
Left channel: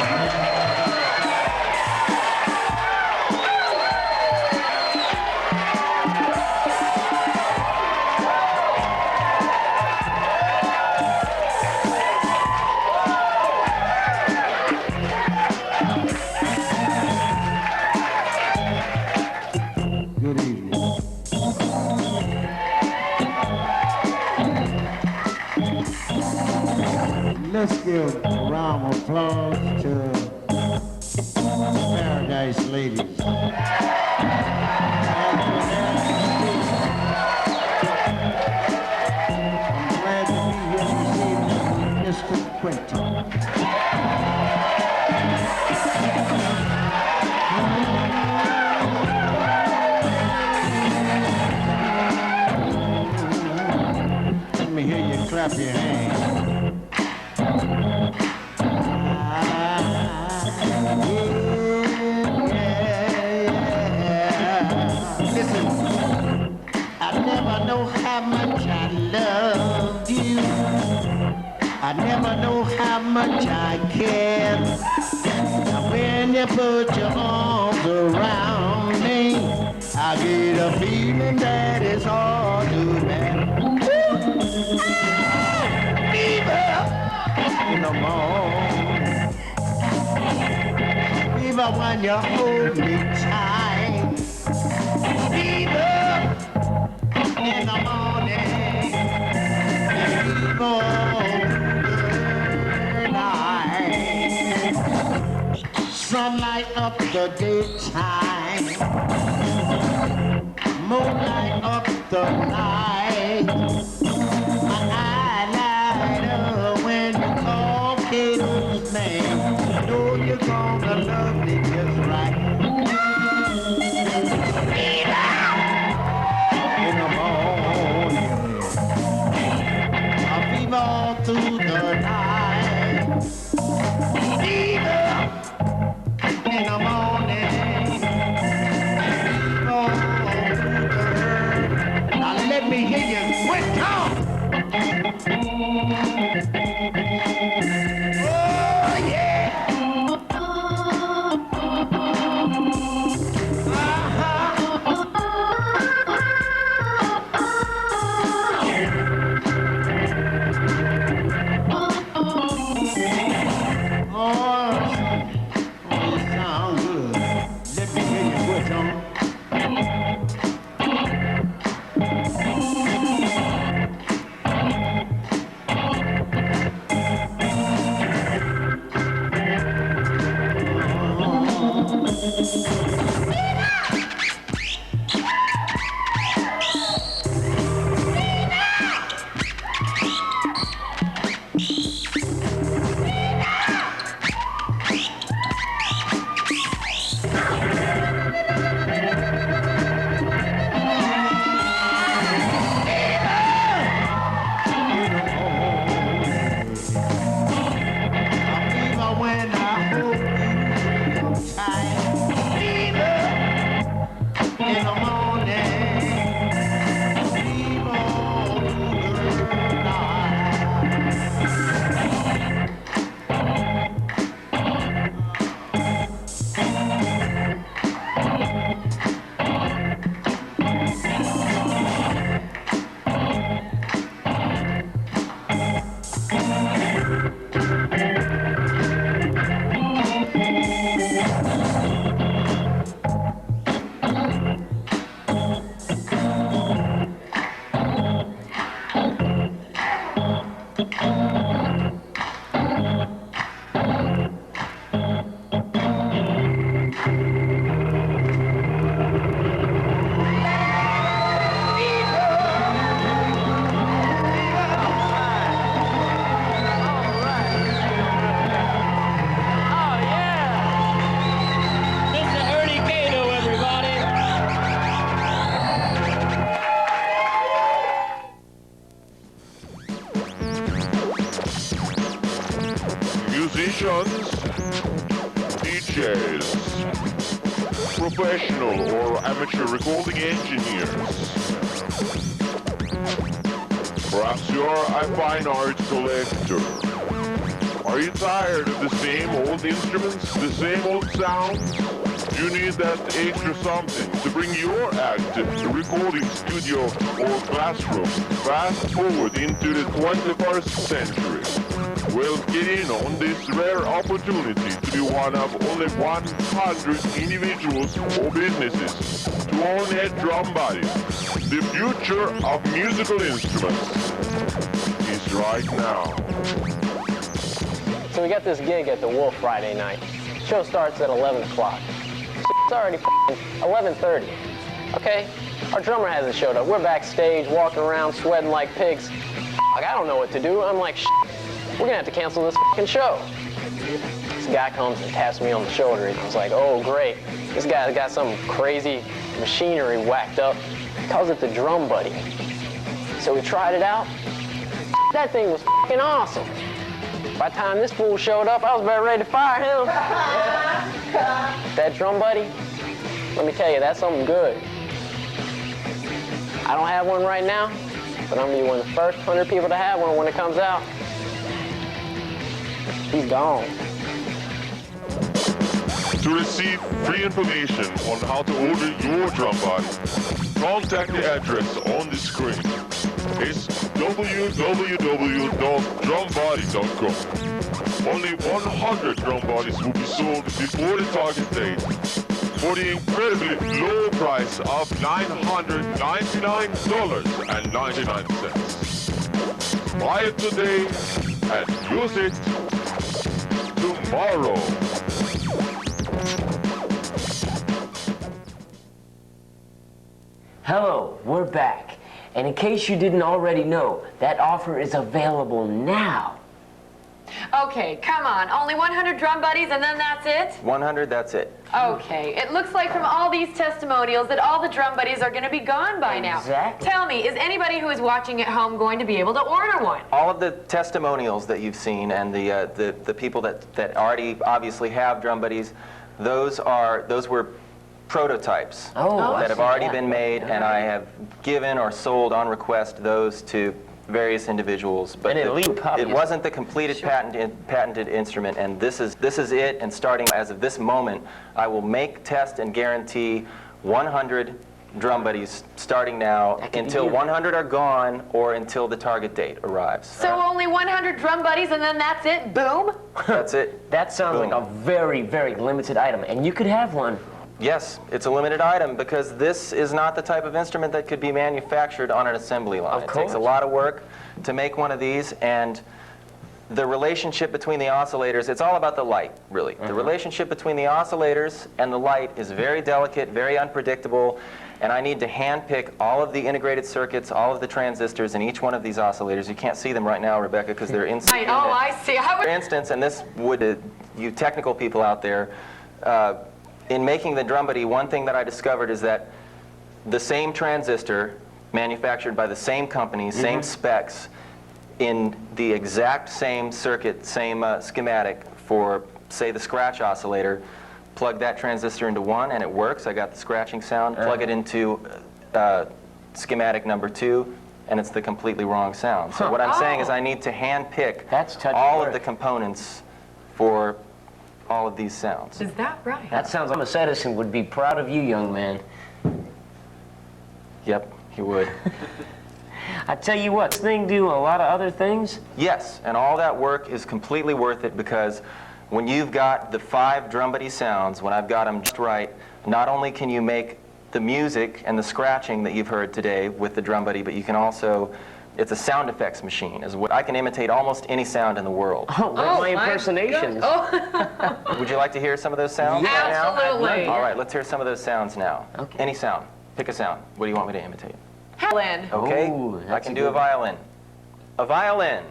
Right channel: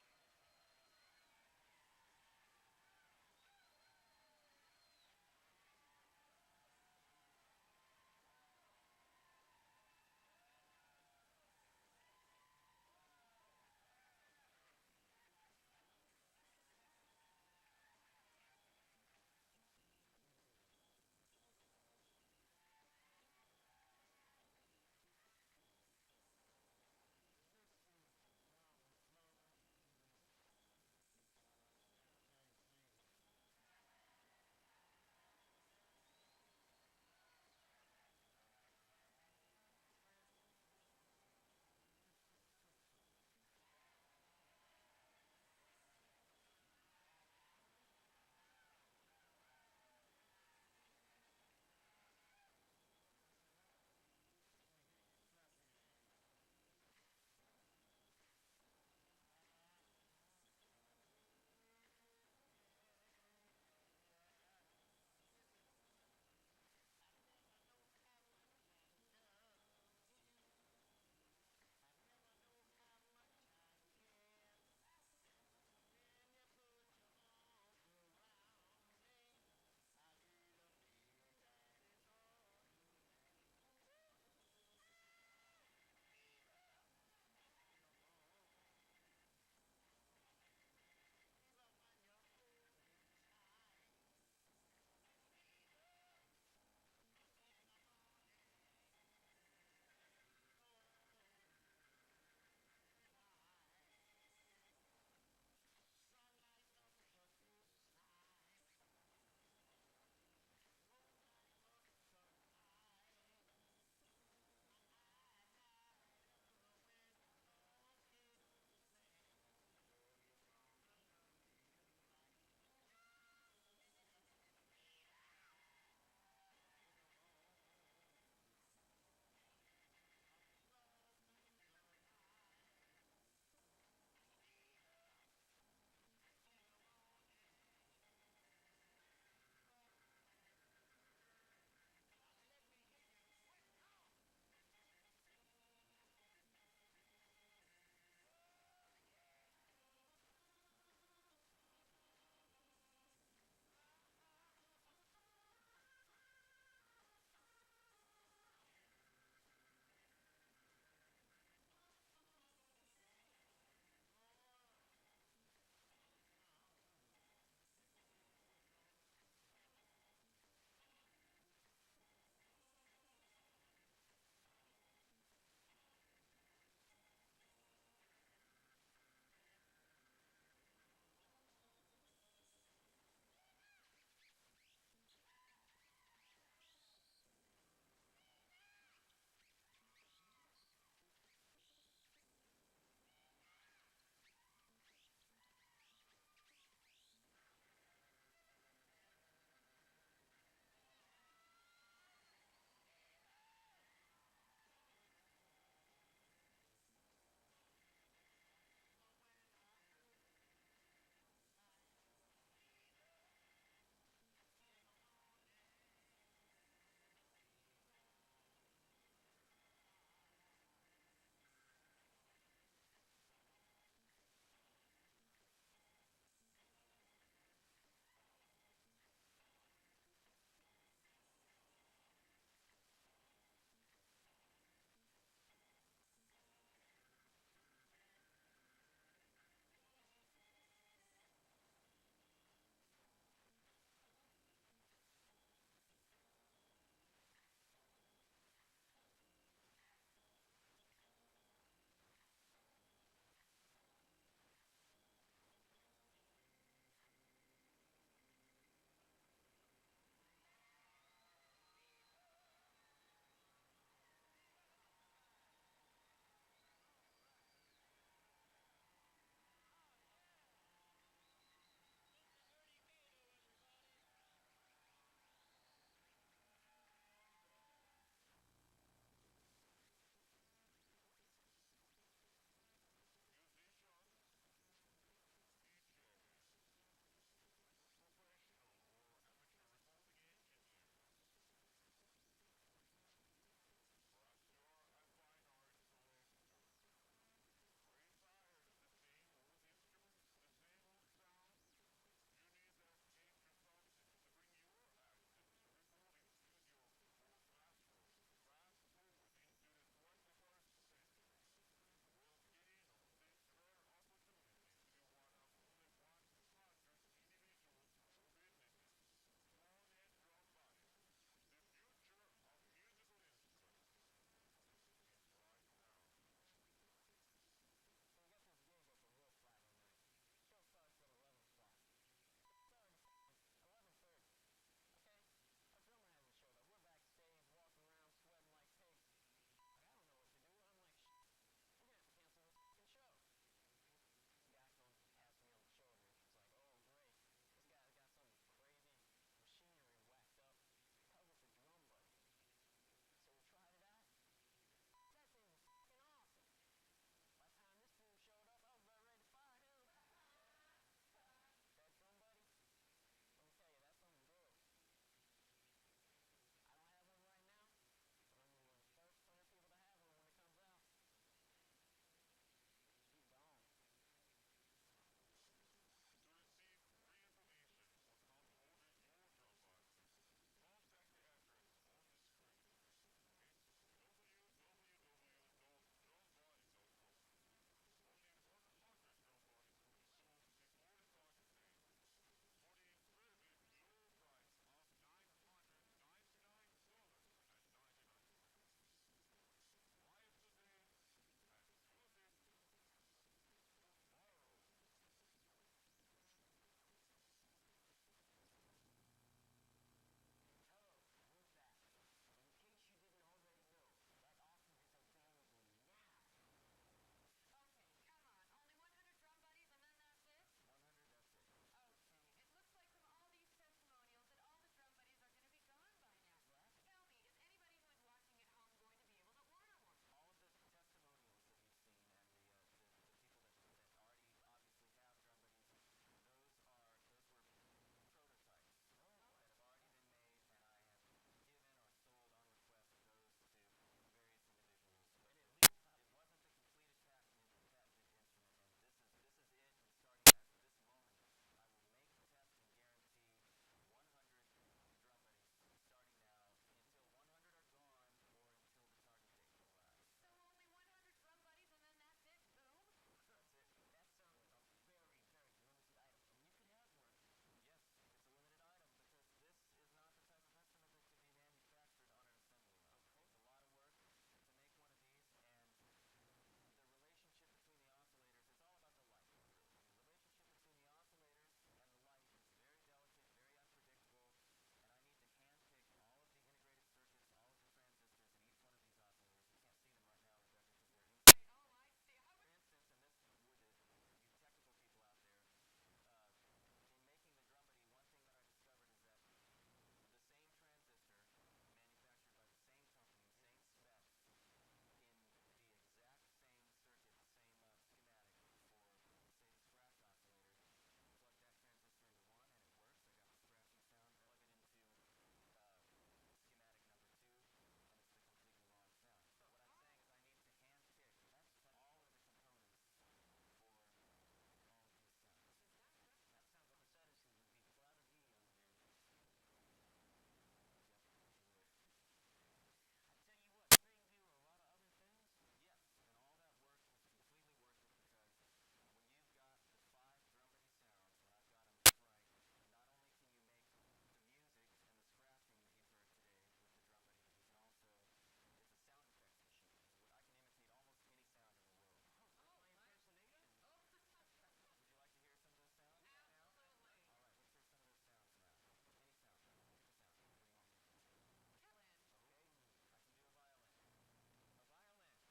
Let's give a round of applause to Paradise Ladies. I'm glad to be here this evening with Mr. Quinton. Let me hear you clap your hands. I never know how much I care. Now when you put your arms around me, I get a feeling that it's hard to bear. Fever in the morning, fever when you hold me tight. Fever in the morning, fever. Sunlight up the daytime, moonlight up the night. My eye light up when you call Kato's name. You know you're gonna love me just right. In the morning, I fever all through the night. Fever in the morning, oh, now let me hear you quit. In the morning, fever through the Musicians, DJs, professional or amateur recording engineers. Perhaps you're a fine art collector. Are you tired of the same old instruments, the same old sounds? You need that extra something to bring your act to the recording studio or classroom fast forward into the 21st century. Well, get in on this rare opportunity to be one of only 100 individuals or businesses to own a drum body. The future of musical instruments is right now. So we got this gig at the Wolf Friday night. Show starts at 11 o'clock. It's already 11:30. Okay? Our drummer hasn't showed up. We're backstage, walking around, sweating like pigs. Like, I don't know what to do. I'm like, we're gonna have to cancel this fucking show. This guy comes and taps me on the shoulder, and I was like, oh, great. This guy's got some crazy machinery whacked up. He calls it the Drum Buddy. So we tried it out. That thing was fucking awesome. By the time this fool showed up, I was about ready to fire him. That Drum Buddy, let me tell you, that's something good. I don't have one right now, but I'm gonna be one of the first 100 people to have one when it comes out. He's gone. To receive free information on how to order your drum body, contact the address on the screen. It's www.drumbody.com. Only 100 drum bodies will be sold before the target date for the incredibly low price of $999.99. Buy it today and use it tomorrow. Hello, we're back. And in case you didn't already know, that offer is available now. Okay, come on. Only 100 drum buddies and then that's it? 100, that's it. Okay. It looks like from all these testimonials that all the drum buddies are going to be gone by now. Exactly. Tell me, is anybody who is watching at home going to be able to order one? All of the testimonials that you've seen and the people that already obviously have drum buddies, those were prototypes that have already been made, and I have given or sold on request those to various individuals. But it wasn't the completed patented instrument, and this is it. And starting as of this moment, I will make, test, and guarantee 100 drum buddies starting now until 100 are gone or until the target date arrives. So only 100 drum buddies and then that's it? Boom? That's it. That sounds like a very, very limited item, and you could have one. Yes, it's a limited item because this is not the type of instrument that could be manufactured on an assembly line. It takes a lot of work to make one of these, and the relationship between the oscillators, it's all about the light, really. The relationship between the oscillators and the light is very delicate, very unpredictable, and I need to handpick all of the integrated circuits, all of the transistors in each one of these oscillators. You can't see them right now, Rebecca, because they're inside. Oh, I see. For instance, and this would, you technical people out there, in making the drum buddy, one thing that I discovered is that the same transistor, manufactured by the same company, same specs, in the exact same circuit, same schematic for say the scratch oscillator, plug that transistor into 1 and it works. I got the scratching sound. Plug it into schematic number 2 and it's the completely wrong sound. So what I'm saying is I need to hand pick all of the components for all of these sounds. Is that right? That sounds like Thomas Edison would be proud of you, young man. Yep, he would. I tell you what, this thing do a lot of other things? Yes, and all that work is completely worth it because when you've got the 5 drum buddy sounds, when I've got them just right, not only can you make the music and the scratching that you've heard today with the drum buddy, but you can also, it's a sound effects machine. I can imitate almost any sound in the world. Oh, my impersonations. Would you like to hear some of those sounds? Absolutely. All right, let's hear some of those sounds now. Okay. Any sound. Pick a sound. What do you want me to imitate? Helen. Okay, Ooh, I can do a violin. A violin.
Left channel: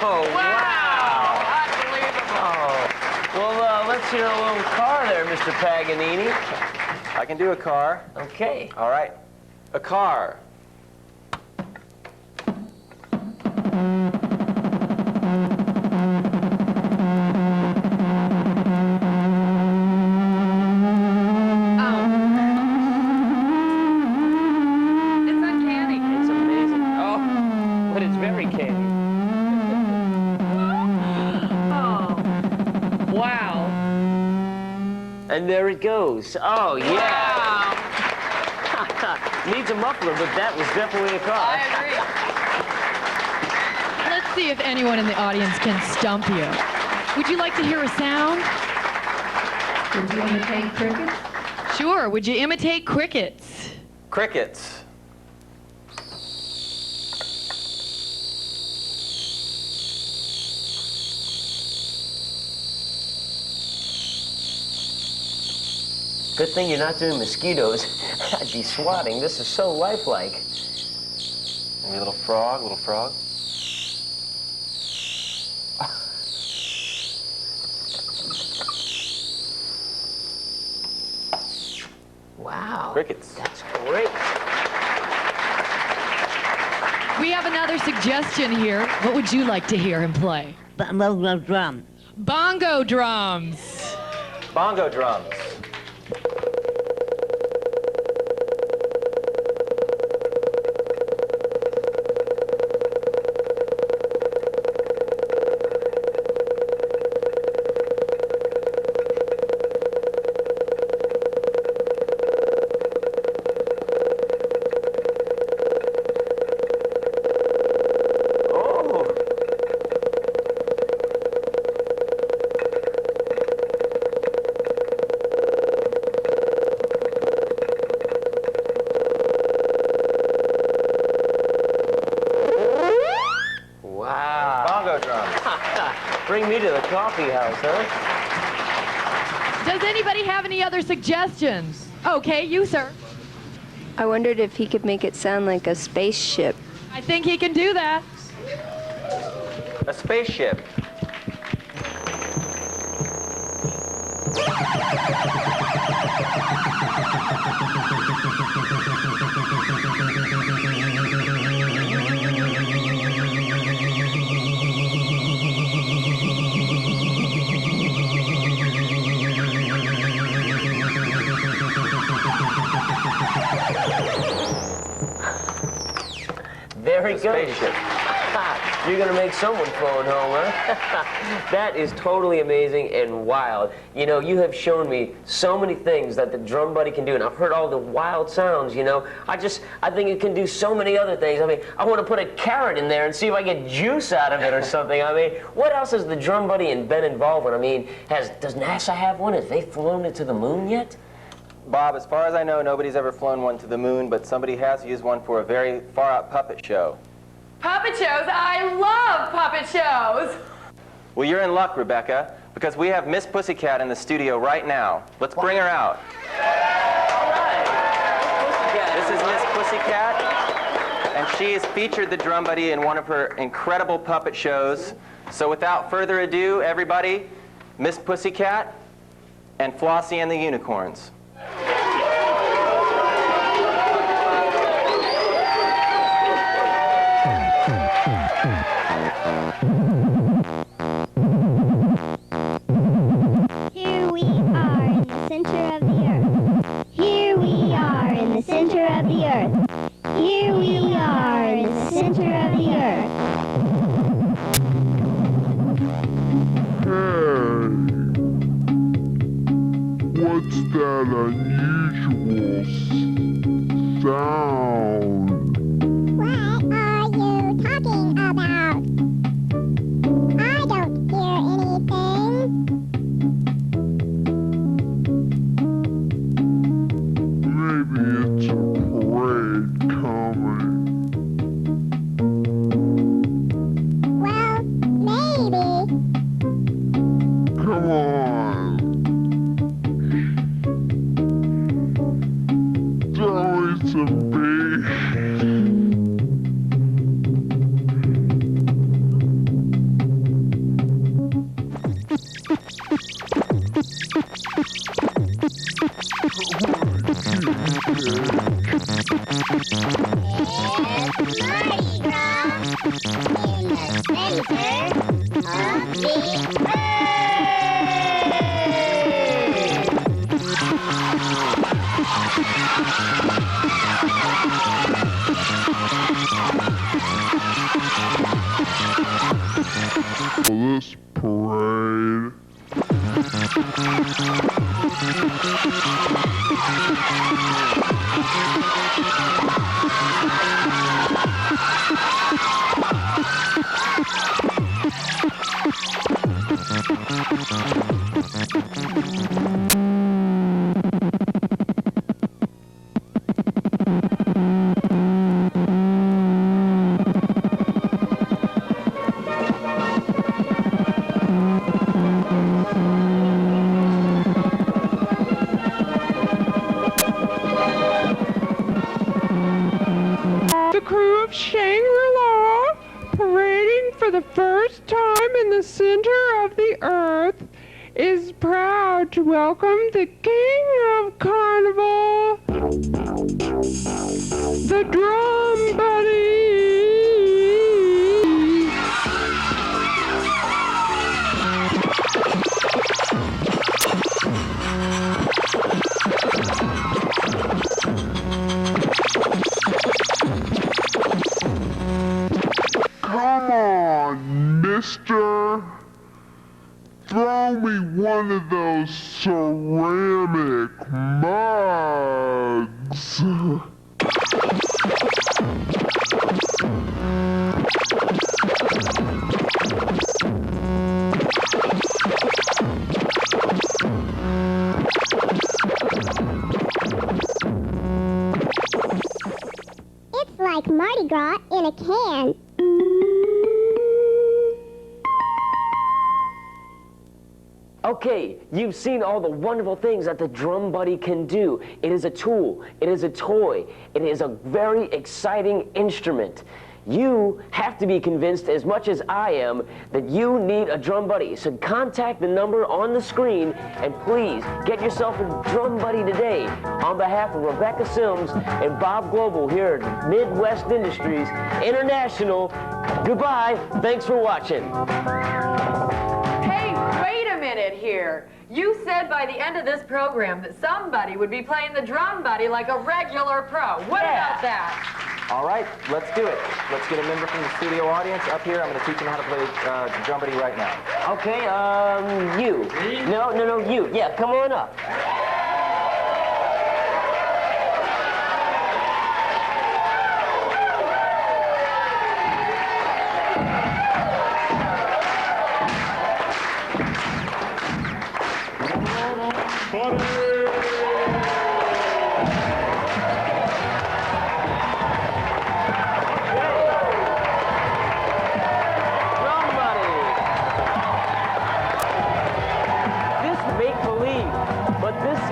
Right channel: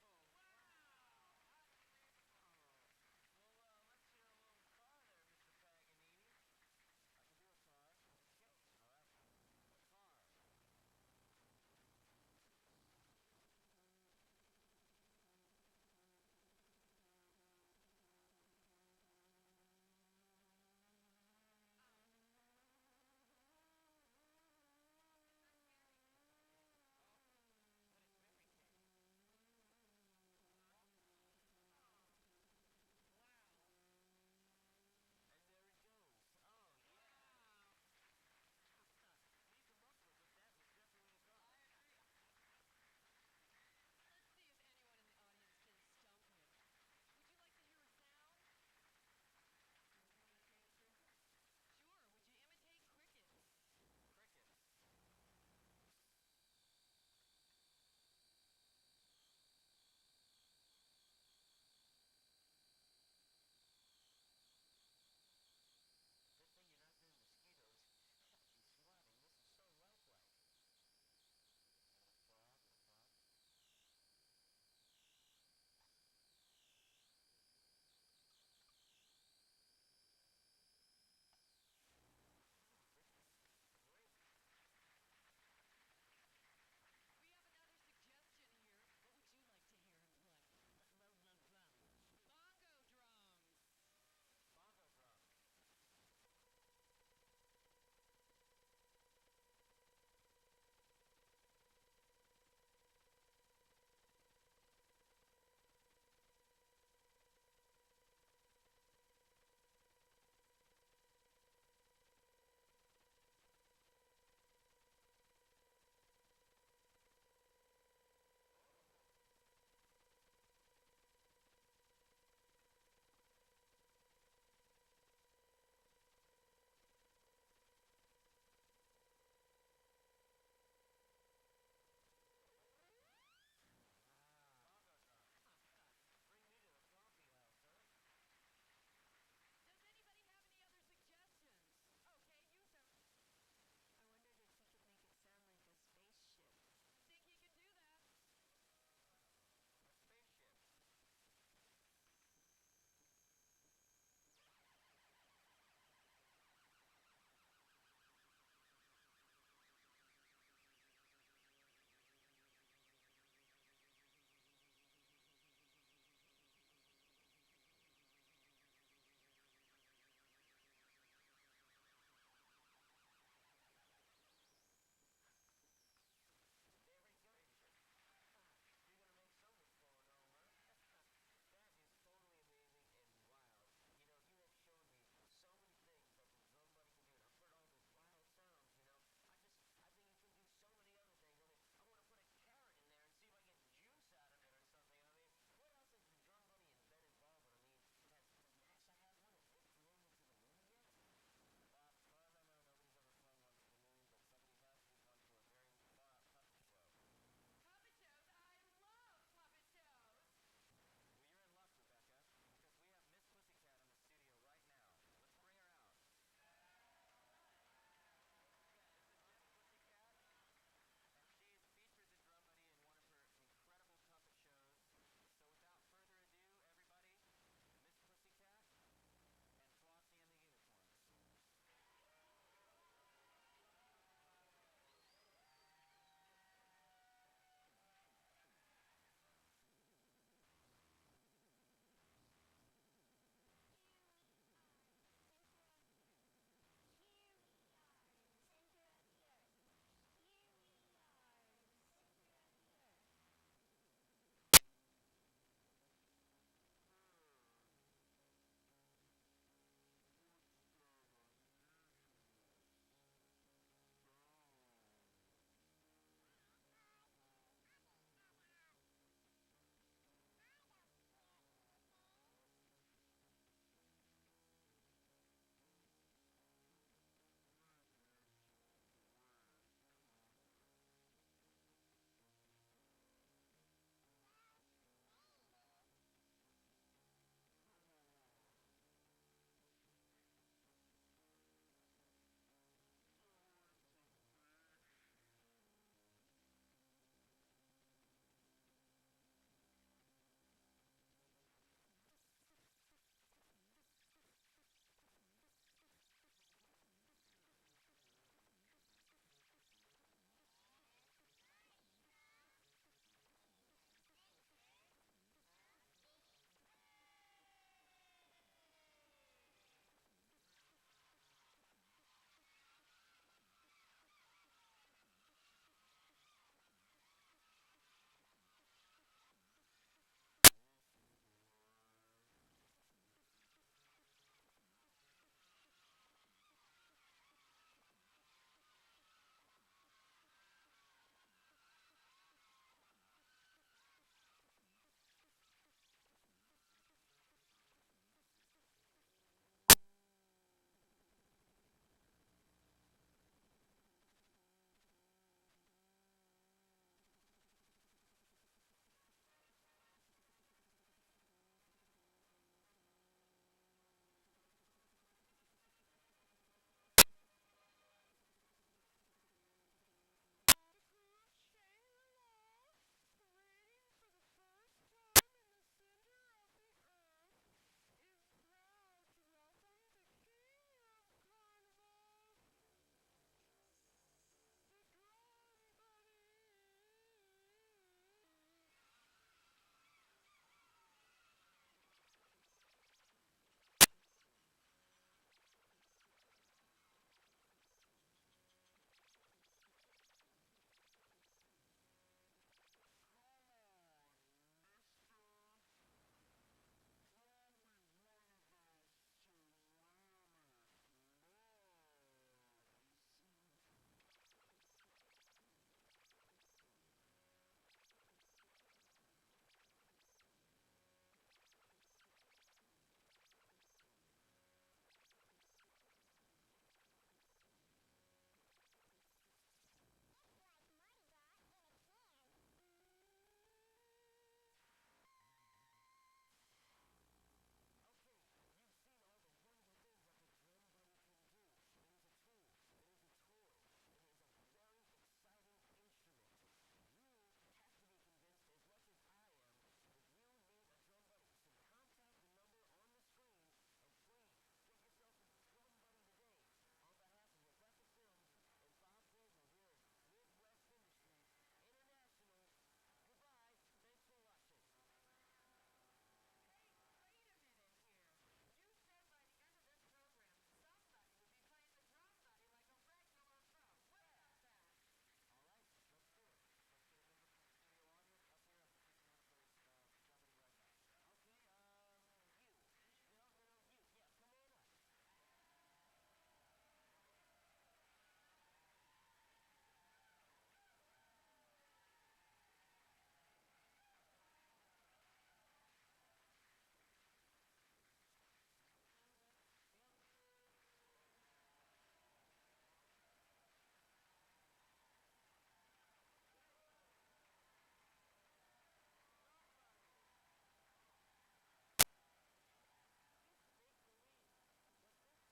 Oh, wow! Unbelievable. Well, let's hear a little car there, Mr. Paganini. I can do a car. Okay. All right. A car. It's uncanny. It's amazing. Oh, but it's very candy. Wow. And there it goes. Oh, yeah. Wow. Needs a muffler, but that was definitely a car. I agree. Let's see if anyone in the audience can stump you. Would you like to hear a sound? Would you imitate crickets? Sure. Would you imitate crickets? Crickets. Good thing you're not doing mosquitoes. I'd be swatting. This is so lifelike. Maybe a little frog, little frog. Wow. Crickets. That's great. We have another suggestion here. What would you like to hear him play? Bongo drum. Bongo drums. Bongo drums. Bring me to the coffee house, huh? Does anybody have any other suggestions? Okay, you, sir. I wondered if he could make it sound like a spaceship. I think he can do that. A spaceship. There he goes. You're going to make someone phone home, huh? That is totally amazing and wild. You know, you have shown me so many things that the drum buddy can do, and I've heard all the wild sounds, you know. I think it can do so many other things. I mean, I want to put a carrot in there and see if I get juice out of it or something. I mean, what else has the drum buddy been involved with? I mean, does NASA have one? Have they flown it to the moon yet? Bob, as far as I know, nobody's ever flown one to the moon, but somebody has used one for a very far-out puppet show. Puppet shows? I love puppet shows! Well, you're in luck, Rebecca, because we have Miss Pussycat in the studio right now. Let's bring her out. All right. This is Miss Pussycat, and she has featured the Drum Buddy in one of her incredible puppet shows. So without further ado, everybody, Miss Pussycat and Flossie and the Unicorns. Here we are in the center of the earth. Here we are in the center of the earth. Here we are in the center of the earth. Hey, what's that unusual sound? What are you talking about? I don't hear anything. Maybe it's a parade coming. Well, maybe. Come on. Throw me some beef. Mardi Gras in the center of the This parade. The crew of Shangri-La, parading for the first time in the center of the earth, is proud to welcome the King of Carnival, the Drum Buddy. Come on, mister. Throw me one of those ceramic mugs. It's like Mardi Gras in a can. Okay, you've seen all the wonderful things that the Drum Buddy can do. It is a tool, it is a toy, it is a very exciting instrument. You have to be convinced as much as I am that you need a Drum Buddy. So contact the number on the screen and please get yourself a Drum Buddy today. On behalf of Rebecca Sims and Bob Global here at Midwest Industries International, goodbye, thanks for watching. Hey, wait a minute here. You said by the end of this program that somebody would be playing the Drum Buddy like a regular pro. What about that? All right, let's do it. Let's get a member from the studio audience up here. I'm going to teach them how to play the Drum Buddy right now. Okay, you. No, you. Yeah, come on up.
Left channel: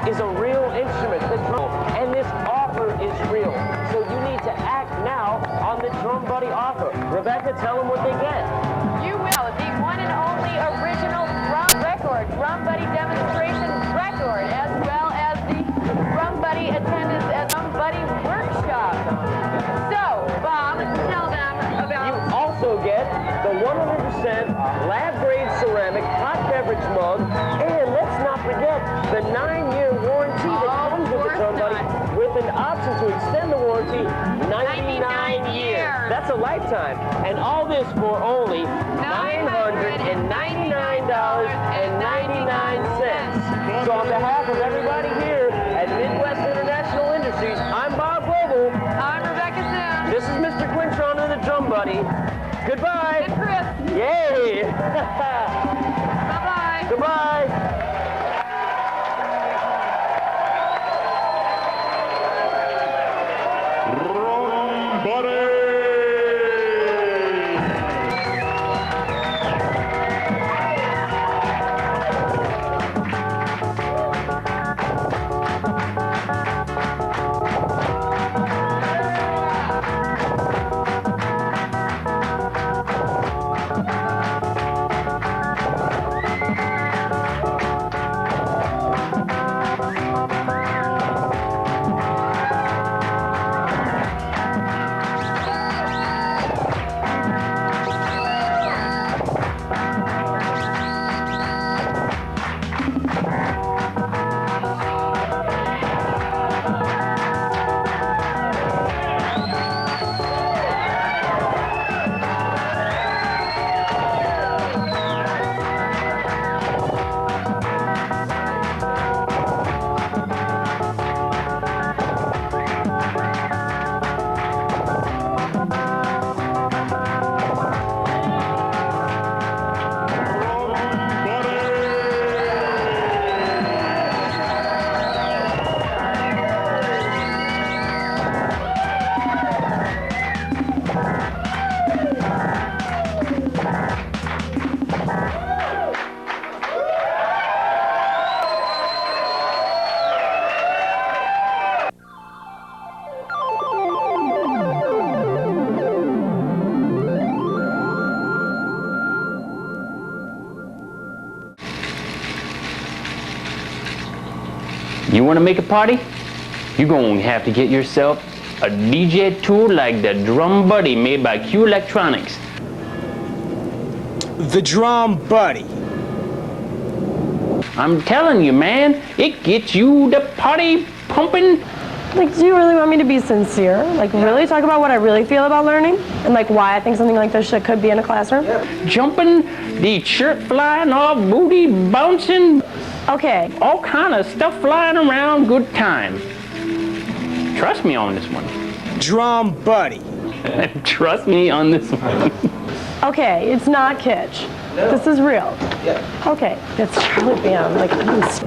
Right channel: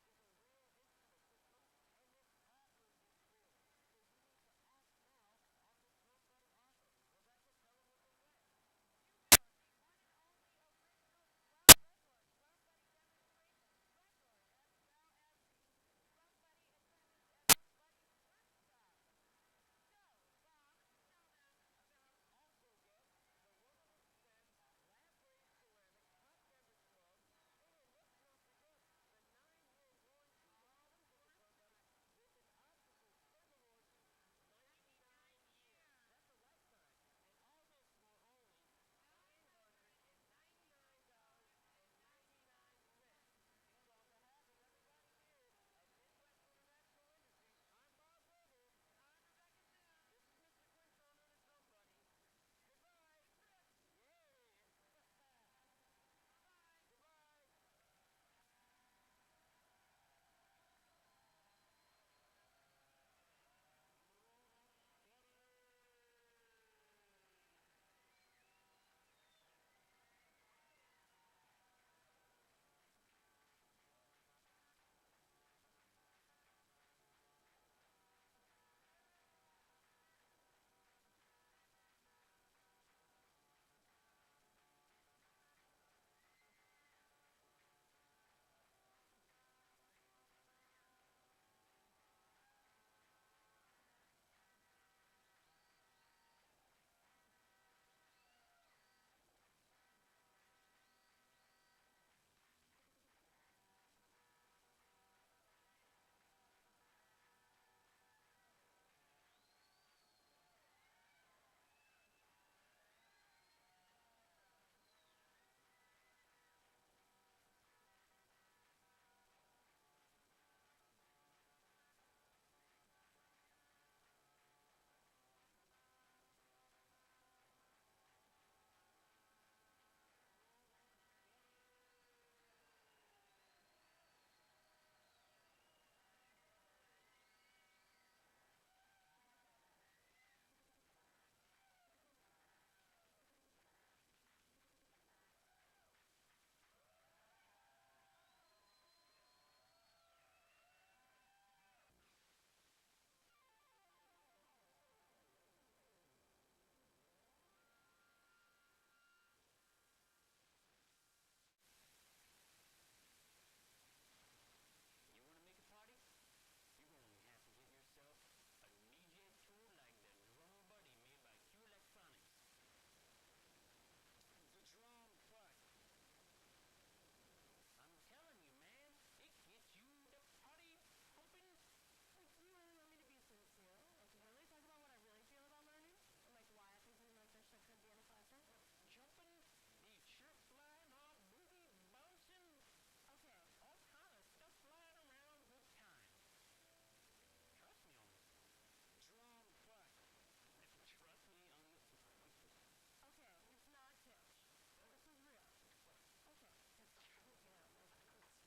is a real instrument, the drum, and this offer is real. So you need to act now on the Drum Buddy offer. Rebecca, tell them what they get. You will. The one and only original drum record, Drum Buddy demonstration record, as well as the Drum Buddy attendance at Drum Buddy workshop. So, Bob, tell them about... You also get the 100% lab-grade ceramic hot beverage mug, and let's not forget the 9-year warranty that comes with the Drum Buddy, with an option to extend the warranty 99 years. That's a lifetime. And all this for only $999.99. So on behalf of everybody here at Midwest International Industries, I'm Bob Global. I'm Rebecca Sims. This is Mr. Quintron and the Drum Buddy. Goodbye. And Chris. Yay. Bye-bye. Goodbye. You want to make a party? You're going to have to get yourself a DJ tool like the Drum Buddy made by Q Electronics. The Drum Buddy. I'm telling you, man, it gets you the party pumping. Like, do you really want me to be sincere? Like, really talk about what I really feel about learning? And, like, why I think something like this could be in a classroom? Jumping, the shirt flying off, booty bouncing. Okay. All kind of stuff flying around, good time. Trust me on this one. Drum Buddy. Trust me on this one. Okay, it's not kitsch. No. This is real. Yeah. Okay, that's Charlie Band. Like, is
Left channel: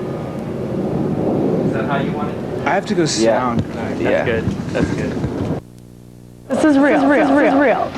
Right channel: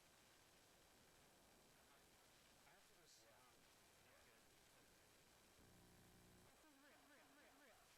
that how you want it? I have to go sound. Yeah. That's good. That's good. This is real. This is real. This is real.